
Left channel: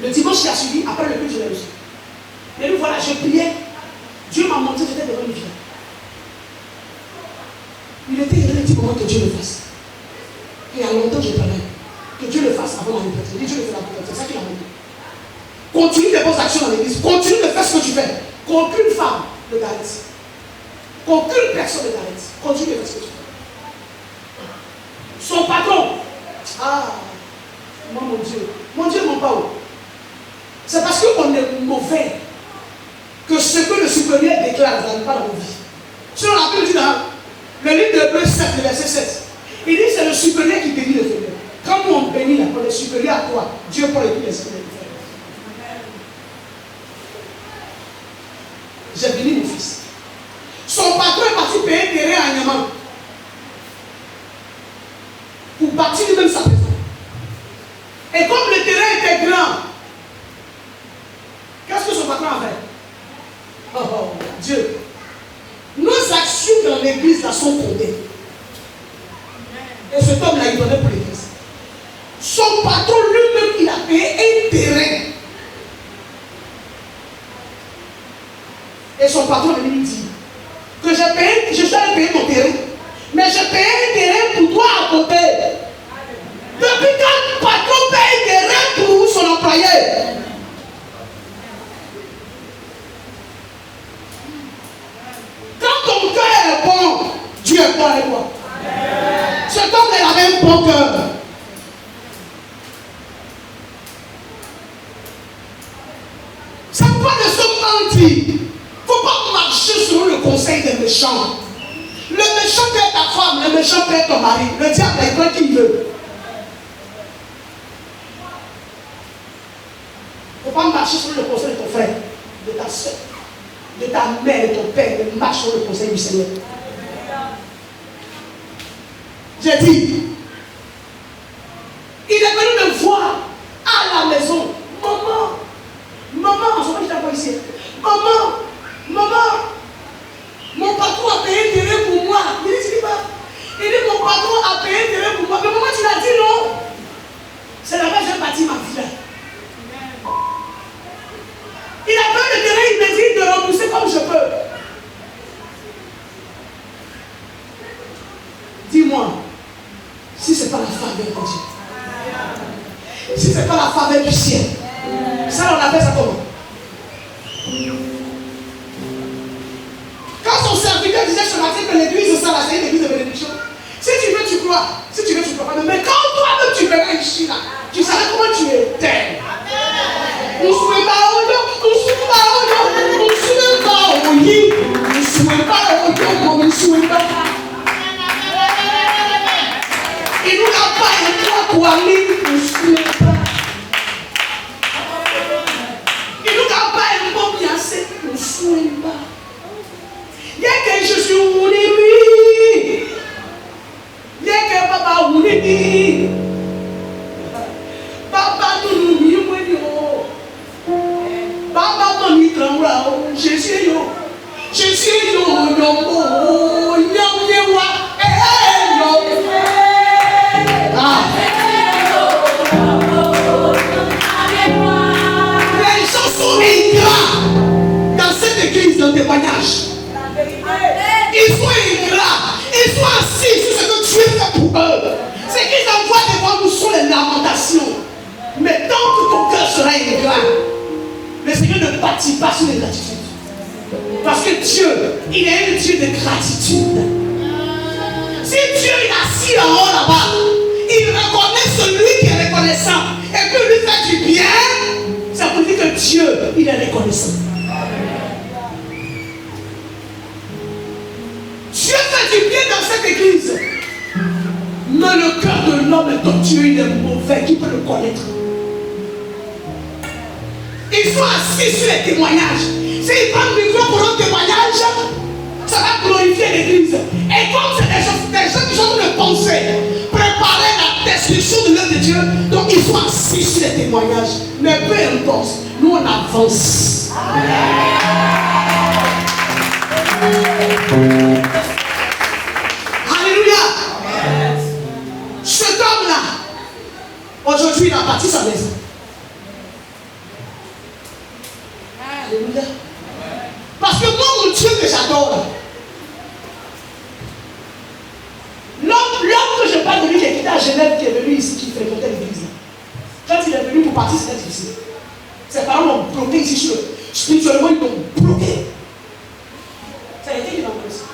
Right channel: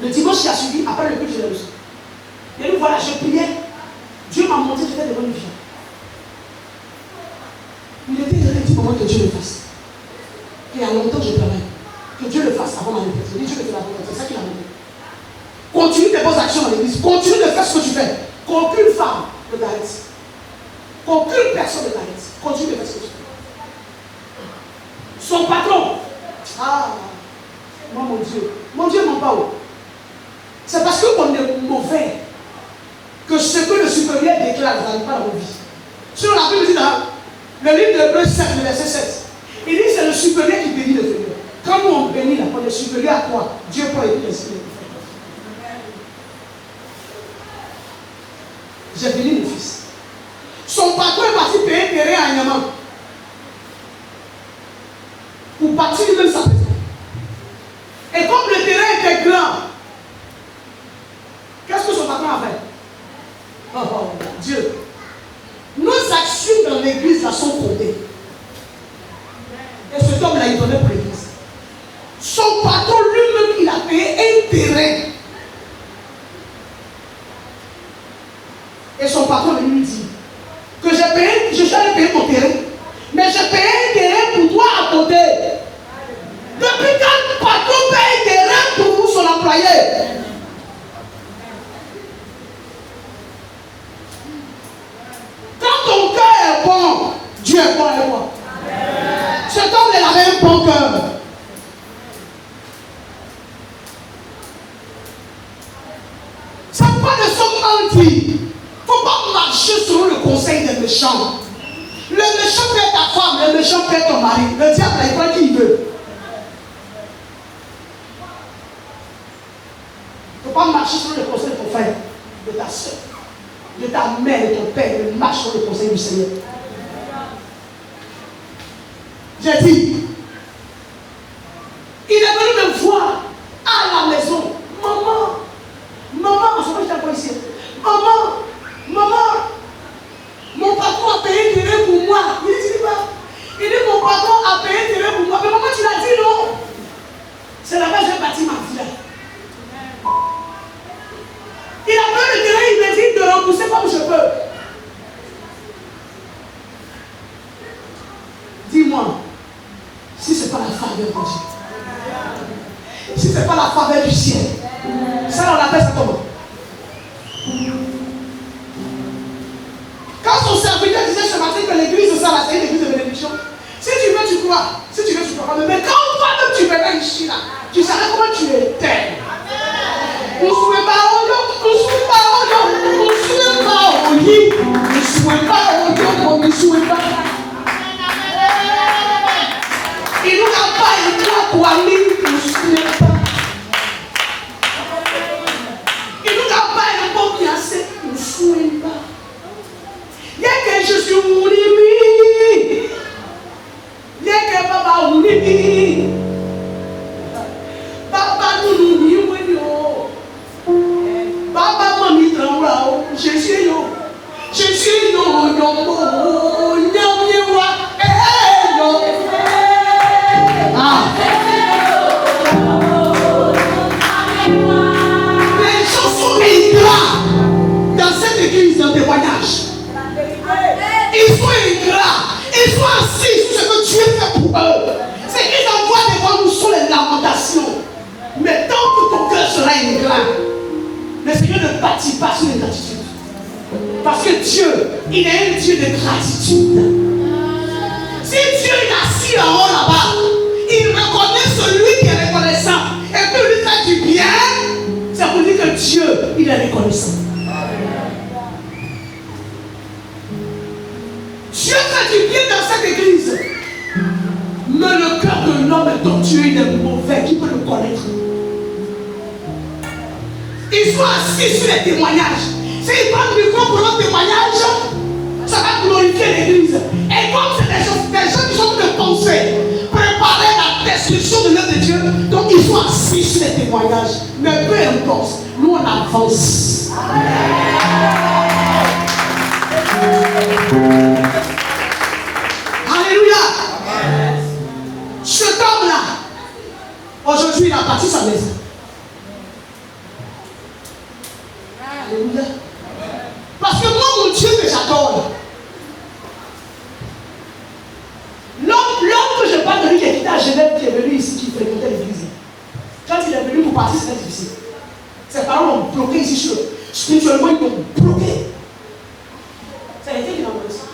le dimanche qui a suivi, après le but, je l'ai reçu. Et donc voilà, je priais. Dieu m'a montré que j'étais devant une villa. Il était irréduit pour moi que Dieu le fasse. Et il y a longtemps, je travaille. Que Dieu le fasse avant ma retraite. Je dis Dieu le fait d'abord. C'est ça qu'il a montré. Continue tes bonnes actions dans l'église. Continue de faire ce que tu fais. Qu'aucune femme ne t'arrête. Qu'aucune personne ne t'arrête. Continue de faire ce que tu fais. Son patron. Ah, moi, mon Dieu, mon Pao. C'est parce qu'on est mauvais que ce que le supérieur déclare, vous n'allez pas dans vos vies. Sur la Bible dit dans le livre de Hébreux 7, le verset 7, il dit c'est le supérieur qui bénit le supérieur. Quand nous on bénit la part, le supérieur à quoi? Dieu peut aider le supérieur. J'ai béni mon fils. Son patron est parti payer un terrain à Niamey pour bâtir lui-même sa maison. Et comme le terrain était grand, qu'est-ce que son patron a fait? Oh, Dieu. Nos actions dans l'église là sont fondées. Et cet homme-là, il donnait pour l'église. Son patron lui-même, il a payé un terrain. Et son patron lui dit que j'ai payé, je savais payer ton terrain, mais j'ai payé un terrain pour toi à côté. Depuis quand le patron paye un terrain pour son employé? Quand ton cœur est bon, Dieu est bon avec toi. Cet homme il avait un bon cœur. C'est pas de son menti. Il ne faut pas marcher sur le conseil des méchants. Le méchant peut être ta femme, le méchant peut être ton mari. Le diable, il prend qui il veut. Il ne faut pas marcher sur le conseil de ton frère, de ta soeur, de ta mère, de ton père. Mais marche sur le conseil du Seigneur. J'ai dit, il est venu me voir à la maison. Maman, en ce moment, je t'envoie ici. Maman, mon patron a payé un terrain pour moi. Il dit, mon patron a payé un terrain pour moi. Mais maman, tu l'as dit non? C'est là-bas que j'ai bâti ma vie. Il a payé le terrain, il me dit de rembourser comme je peux. Dis-moi, si ce n'est pas la faveur de Dieu, si ce n'est pas la faveur du ciel, ça on appelle ça comment? Quand son serviteur disait ce matin que l'église, ça c'est une église de bénédiction, si tu veux, tu crois. Si tu veux, tu crois pas. Mais quand toi-même tu verras ici, là, tu sauras comment tu étais. Nous ne souhaitons pas au lieu, nous ne souhaitons pas au lieu, nous ne souhaitons pas au lit, nous ne souhaitons pas au lieu, nous ne souhaitons pas. Il nous a pas un toit pour aller, nous ne souhaitons pas. Il nous a pas un bon biancé, nous ne souhaitons pas. Il y a que je suis Ounibi. Il y a que papa Ounibi. Papa nous nous Papa mami trembla, je suis yo, Les gens sont ingrats dans cette église de témoignage. Ils sont ingrats, ils sont assis sur ce que Dieu fait pour eux. Ce qu'ils envoient devant nous sont les lamentations. Mais tant que ton cœur sera ingrat, le Seigneur ne bâtit pas sur l'ingratitude. Parce que Dieu, il est un Dieu de gratitude. Si Dieu est assis en haut là-bas, il Dieu, il est reconnaissant. Dieu fait du bien dans cette église. Mais le cœur de l'homme est tortueux, il est mauvais. Qui peut le connaître? Ils sont assis sur les témoignages. S'ils prennent le micro pour leur témoignage, ça va glorifier l'église. Et comme c'est des gens qui sont en train de penser, préparer la destruction de l'œuvre de Dieu, donc ils sont assis sur les témoignages. Mais peu importe, nous on avance. Alléluia. Cet homme-là, aujourd'hui, il a bâti sa maison. Alléluia. Parce que moi, mon Dieu que j'adore, l'homme que je parle de lui qui est quitté à Genève, qui est venu ici, qui fréquentait l'église. Quand il est venu pour partir, c'était difficile. Ses parents l'ont bloqué ici, spirituellement, ils l'ont bloqué. Ça a été qu'il a envoyé ça.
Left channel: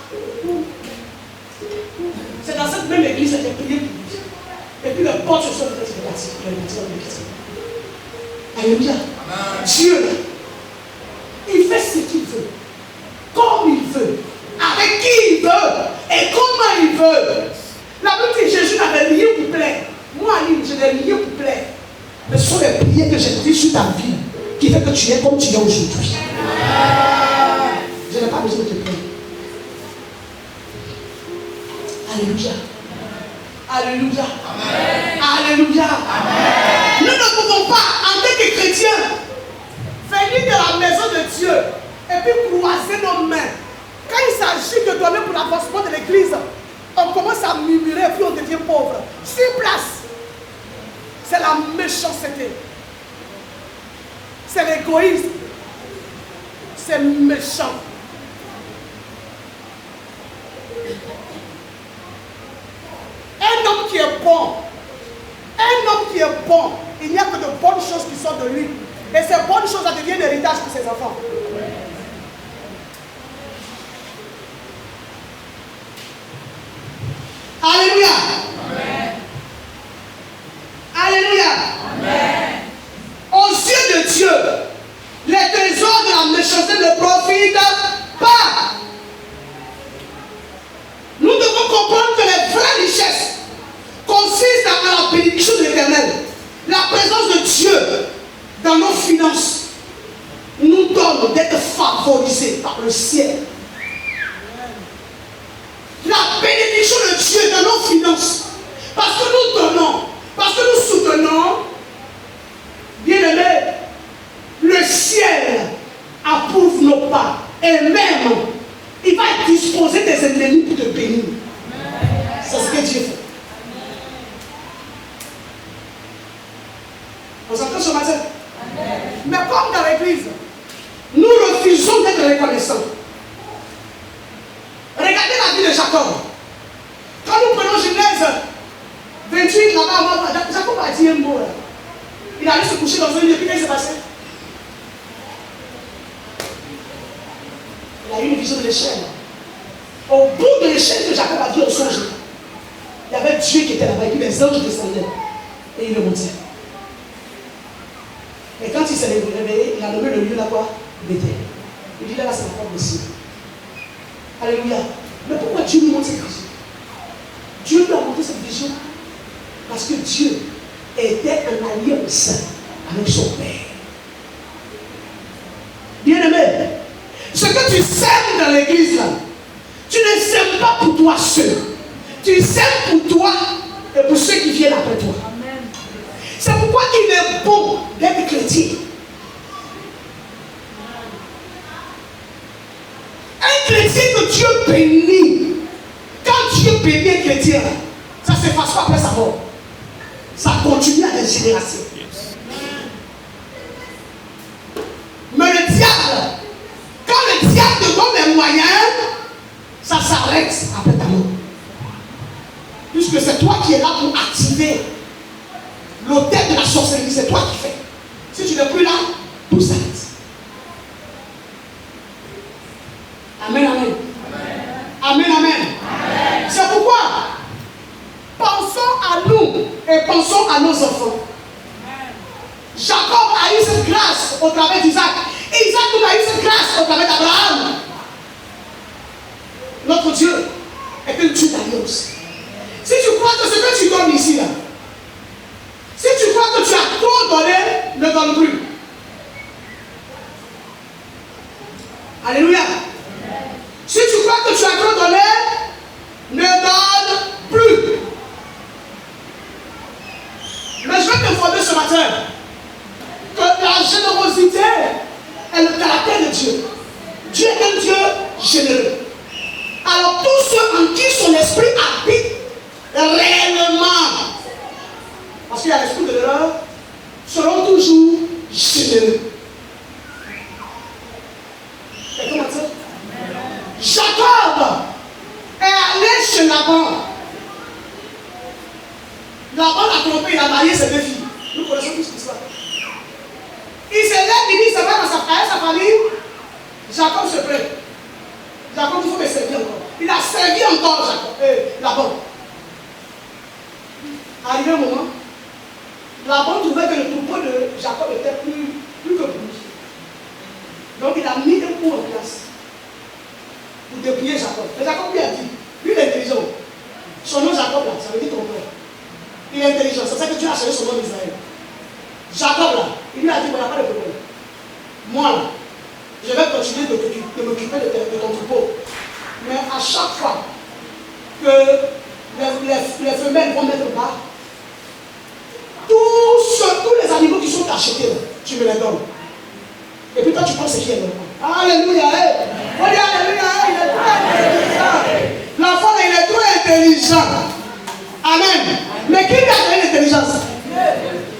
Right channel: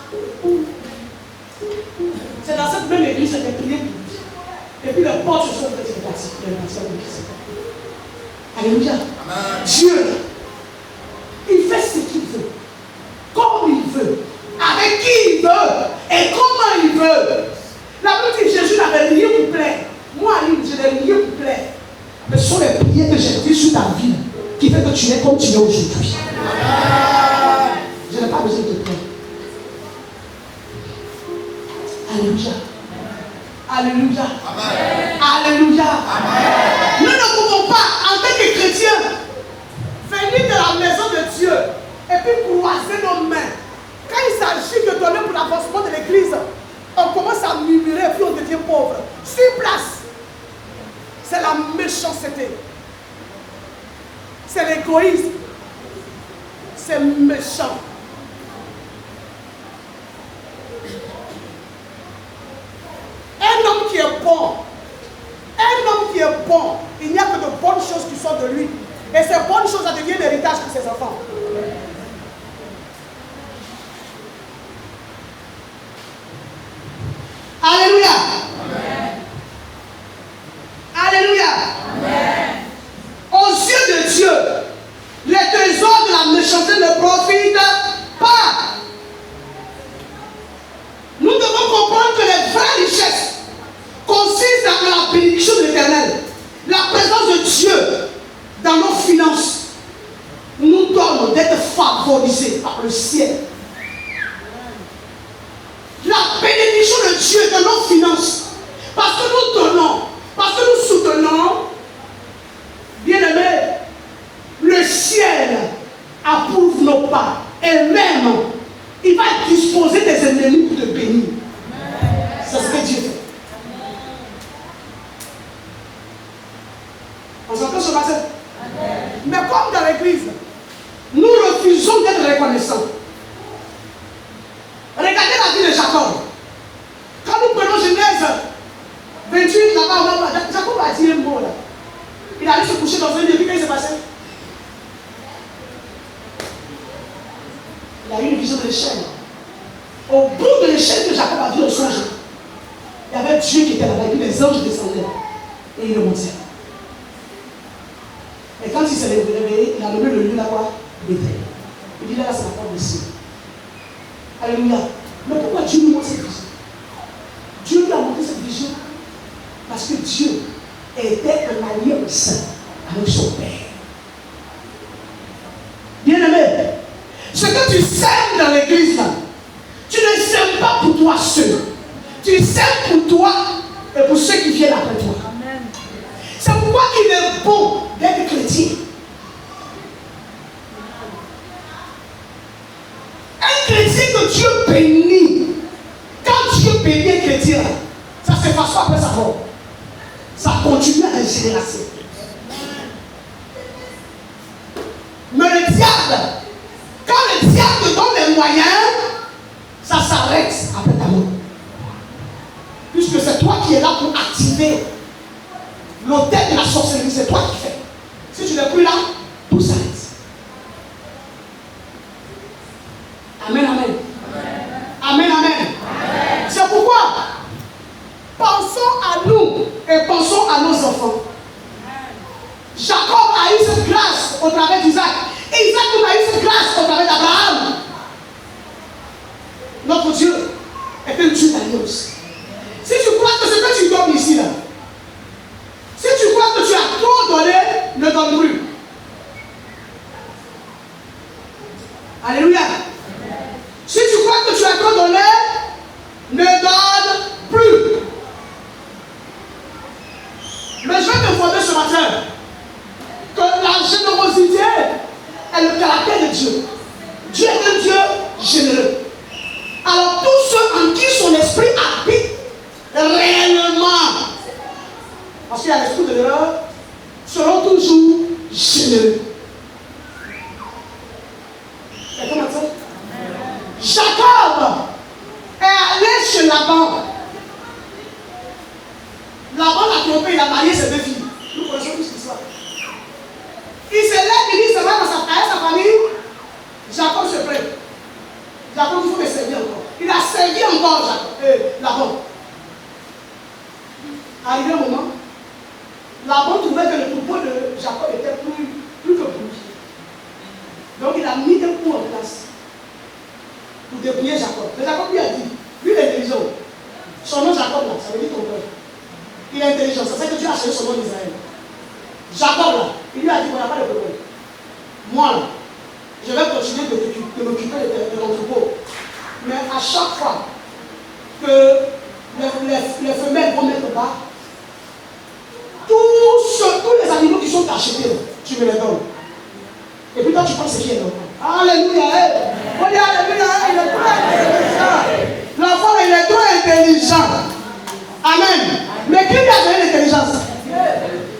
C'est dans cette même église qu'il a prié pour lui. Et puis les portes se sont faites, c'est parti. Il a bâti l'église. Alléluia. Dieu, il fait ce qu'il veut, comme il veut, avec qui il veut et comment il veut. La Bible dit que Jésus n'avait rien pour plaire. Moi, je n'ai rien pour plaire. Mais ce sont les prières que j'ai dites sur ta vie qui fait que tu es comme tu es aujourd'hui. Je n'ai pas besoin de te plaire. Alléluia. Alléluia. Amen. Alléluia. Amen. Nous ne pouvons pas, en tant que chrétiens, venir de la maison de Dieu et puis croiser nos mains. Quand il s'agit de donner pour l'avancement de l'église, on commence à murmurer et puis on devient pauvre. Sur place, c'est la méchanceté. C'est l'égoïsme. C'est méchant. Un homme qui est bon, il n'y a que de bonnes choses qui sortent de lui. Et ces bonnes choses deviennent l'héritage pour ses enfants. Alléluia. Amen. Alléluia. Amen. Aux yeux de Dieu, les trésors de la méchanceté ne profitent pas. Nous devons comprendre que les vraies richesses consistent dans la bénédiction de l'Éternel. La présence de Dieu dans nos finances nous donne d'être favorisés par le ciel. La bénédiction de Dieu dans nos finances, parce que nous donnons, parce que nous soutenons, bien aimé, le ciel approuve nos pas et même il va disposer des ennemis pour te bénir. C'est ce que Dieu fait. On s'entend ce matin? Mais comme dans l'église, nous refusons d'être reconnaissants. Regardez la vie de Jacob. Quand nous prenons Genèse 28, là-bas, Jacob a dit un mot là. Il allait se coucher dans un lit depuis qu'il s'est passé. Il a eu une vision de l'échelle. Au bout de l'échelle que Jacob a vu au songe, il y avait Dieu qui était là-bas, et puis les anges descendaient. Et il est monté. Mais quand il s'est réveillé, il a nommé le lieu là-bas Bethel. Il dit là, c'est pas possible. Alléluia. Mais pourquoi Dieu nous montre cette vision? Dieu lui a montré cette vision parce que Dieu était en alliance avec son Père. Bien-aimé, ce que tu sèmes dans l'église là, tu ne sèmes pas pour toi seul. Tu sèmes pour toi et pour ceux qui viennent après toi. Amen. C'est pourquoi il est bon d'être chrétien. Un chrétien que Dieu bénit, quand Dieu bénit un chrétien, ça ne s'efface pas après sa mort. Ça continue à des générations. Mais le diable, quand le diable te donne les moyens, ça s'arrête après ta mort. Puisque c'est toi qui es là pour activer l'autel de la sorcellerie, c'est toi qui fais. Si tu n'es plus là, tout s'arrête. Amen, amen. Amen, amen. Amen. C'est pourquoi pensons à nous et pensons à nos enfants. Jacob a eu cette grâce au travers du femmes ici là. Si tu crois que tu as trop donné, ne donne plus. Alléluia. Si tu crois que tu as trop donné, ne donne plus. Mais je vais t'informer ce matin que la générosité est le caractère de Dieu. Dieu est un Dieu généreux. Alors tous ceux en qui son esprit habite réellement, parce qu'il y a l'esprit de l'erreur, seront toujours généreux. Et comment ça? Jacob est allé chez Laban. Laban l'a trompé, il a marié ses deux filles. Nous connaissons tous l'histoire. Il se lève, il dit, ça va dans sa famille. Jacob se plaint. Jacob, il faut me servir encore. Il a servi encore Laban. Arrivé un moment, Laban trouvait que le troupeau de Jacob était plus que bouge. Donc il a mis un coup en place pour dépouiller Jacob. Mais Jacob lui a dit, lui il est intelligent. Son nom Jacob là, ça veut dire ton père. Il est intelligent, c'est ça que Dieu a changé son nom d'Israël. Jacob là, il lui a dit, il n'y a pas de problème. Moi là, je vais continuer de m'occuper de ton troupeau. Mais à chaque fois que les femelles vont mettre bas, tous les animaux qui sont achetés, tu me les donnes. Et puis toi tu penses ce qui est normal. Alléluia. On dit alléluia, il est trop intelligent. L'enfant il est trop intelligent. Amen. Mais qui lui a donné l'intelligence?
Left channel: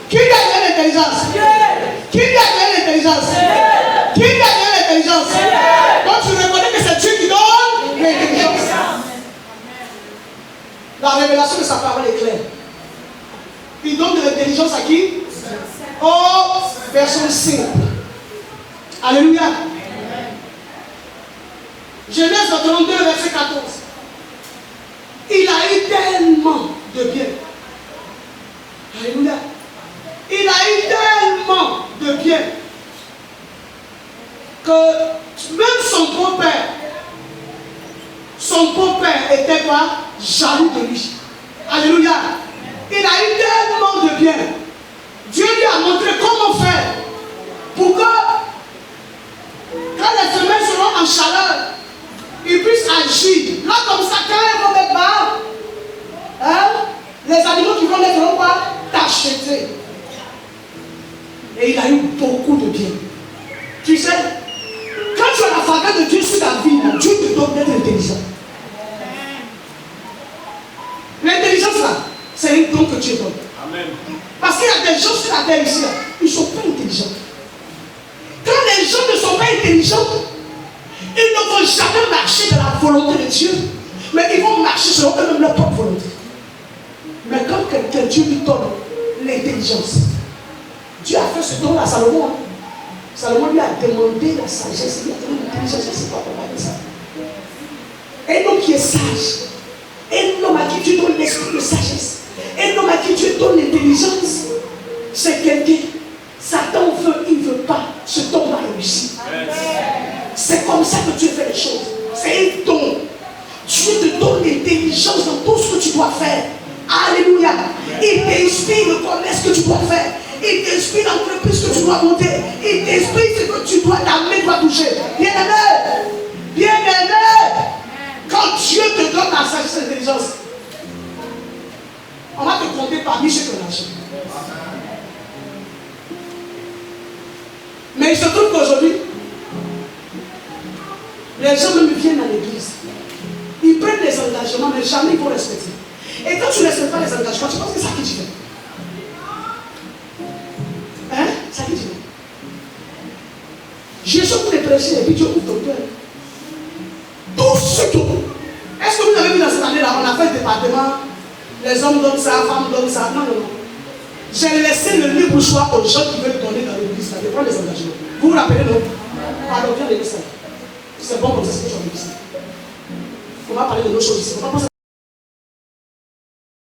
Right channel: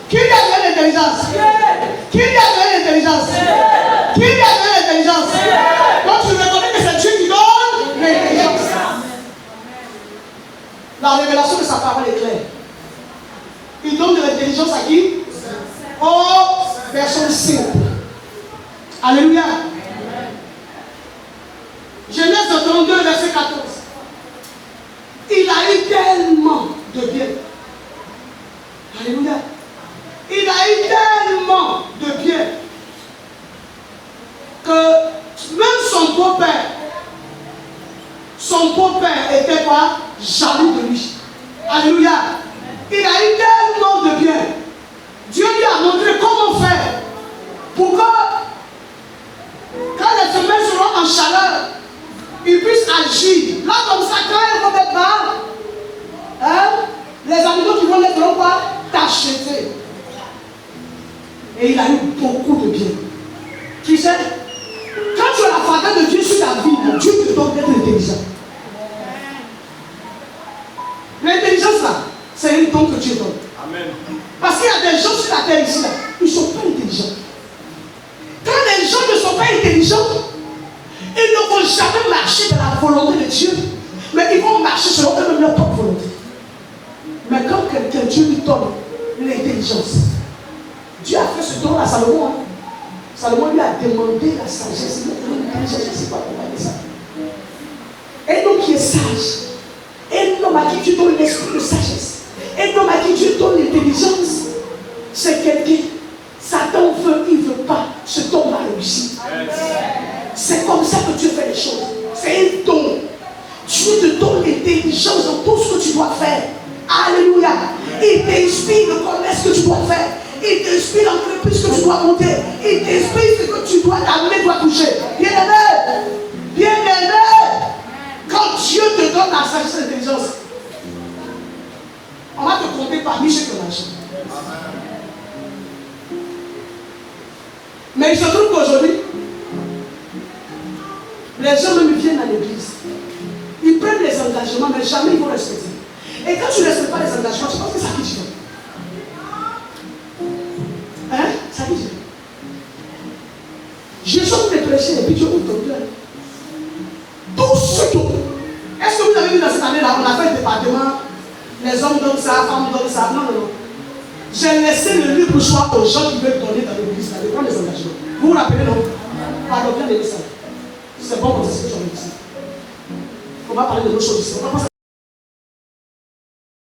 Qui lui a donné l'intelligence? Qui lui a donné l'intelligence? Qui lui a donné l'intelligence? Donc tu reconnais que c'est Dieu qui donne l'intelligence. La révélation de sa parole est claire. Il donne de l'intelligence à qui? Aux personnes simples. Alléluia. Genèse 32, verset 14. Il a eu tellement de bien. Alléluia. Il a eu tellement de bien que même son beau-père était pas jaloux de lui. Alléluia. Il a eu tellement de bien. Dieu lui a montré comment faire pour que quand les femelles seront en chaleur, ils puissent agir. Là, comme ça, quand elles vont mettre bas, les animaux qui vont mettre en bas, t'acheter. Et il a eu beaucoup de bien. Tu sais, quand tu as la faveur de Dieu sur ta vie, Dieu te donne d'être intelligent. L'intelligence là, c'est un don que Dieu donne. Amen. Parce qu'il y a des gens sur la terre ici, là, ils ne sont pas intelligents. Quand les gens ne sont pas intelligents, ils ne vont jamais marcher dans la volonté de Dieu, mais ils vont marcher selon eux-mêmes leur propre volonté. Mais quand quelqu'un, Dieu lui donne l'intelligence, Dieu a fait ce don à Salomon. Salomon lui a demandé la sagesse, il a donné l'intelligence, je ne sais pas comment dire ça. Un homme qui est sage, un homme à qui Dieu donne l'esprit de sagesse, un homme à qui Dieu donne l'intelligence, c'est quelqu'un. Satan veut, il ne veut pas, cet homme a réussi. C'est comme ça que Dieu fait les choses. C'est un don. Dieu te donne l'intelligence dans tout ce que tu dois faire. Alléluia. Il t'inspire de connaître ce que tu dois faire. Il t'inspire l'entreprise que tu dois monter. Il t'inspire ce que tu dois, ta main doit toucher. Bien-aimé, bien-aimé, quand Dieu te donne la sagesse et l'intelligence, on va te compter parmi ceux qui ont lâché. Mais il se trouve qu'aujourd'hui, les gens même viennent à l'église. Ils prennent les engagements, mais jamais ils vont respecter. Et quand tu ne respectes pas les engagements, tu penses que c'est à qui tu veux? Hein? C'est à qui tu veux? Jésus vous les prêcher et puis Dieu vous donne. Tout ce que. Est-ce que vous avez vu dans cette année-là, on a fait un département, les hommes donnent ça, les femmes donnent ça. Non, non, non. J'ai laissé le libre choix aux gens qui veulent donner dans l'église, ça dépend des engagements. Vous vous rappelez, non? Par le de l'église. C'est bon pour ce que tu as dit. On va parler de d'autres choses ici.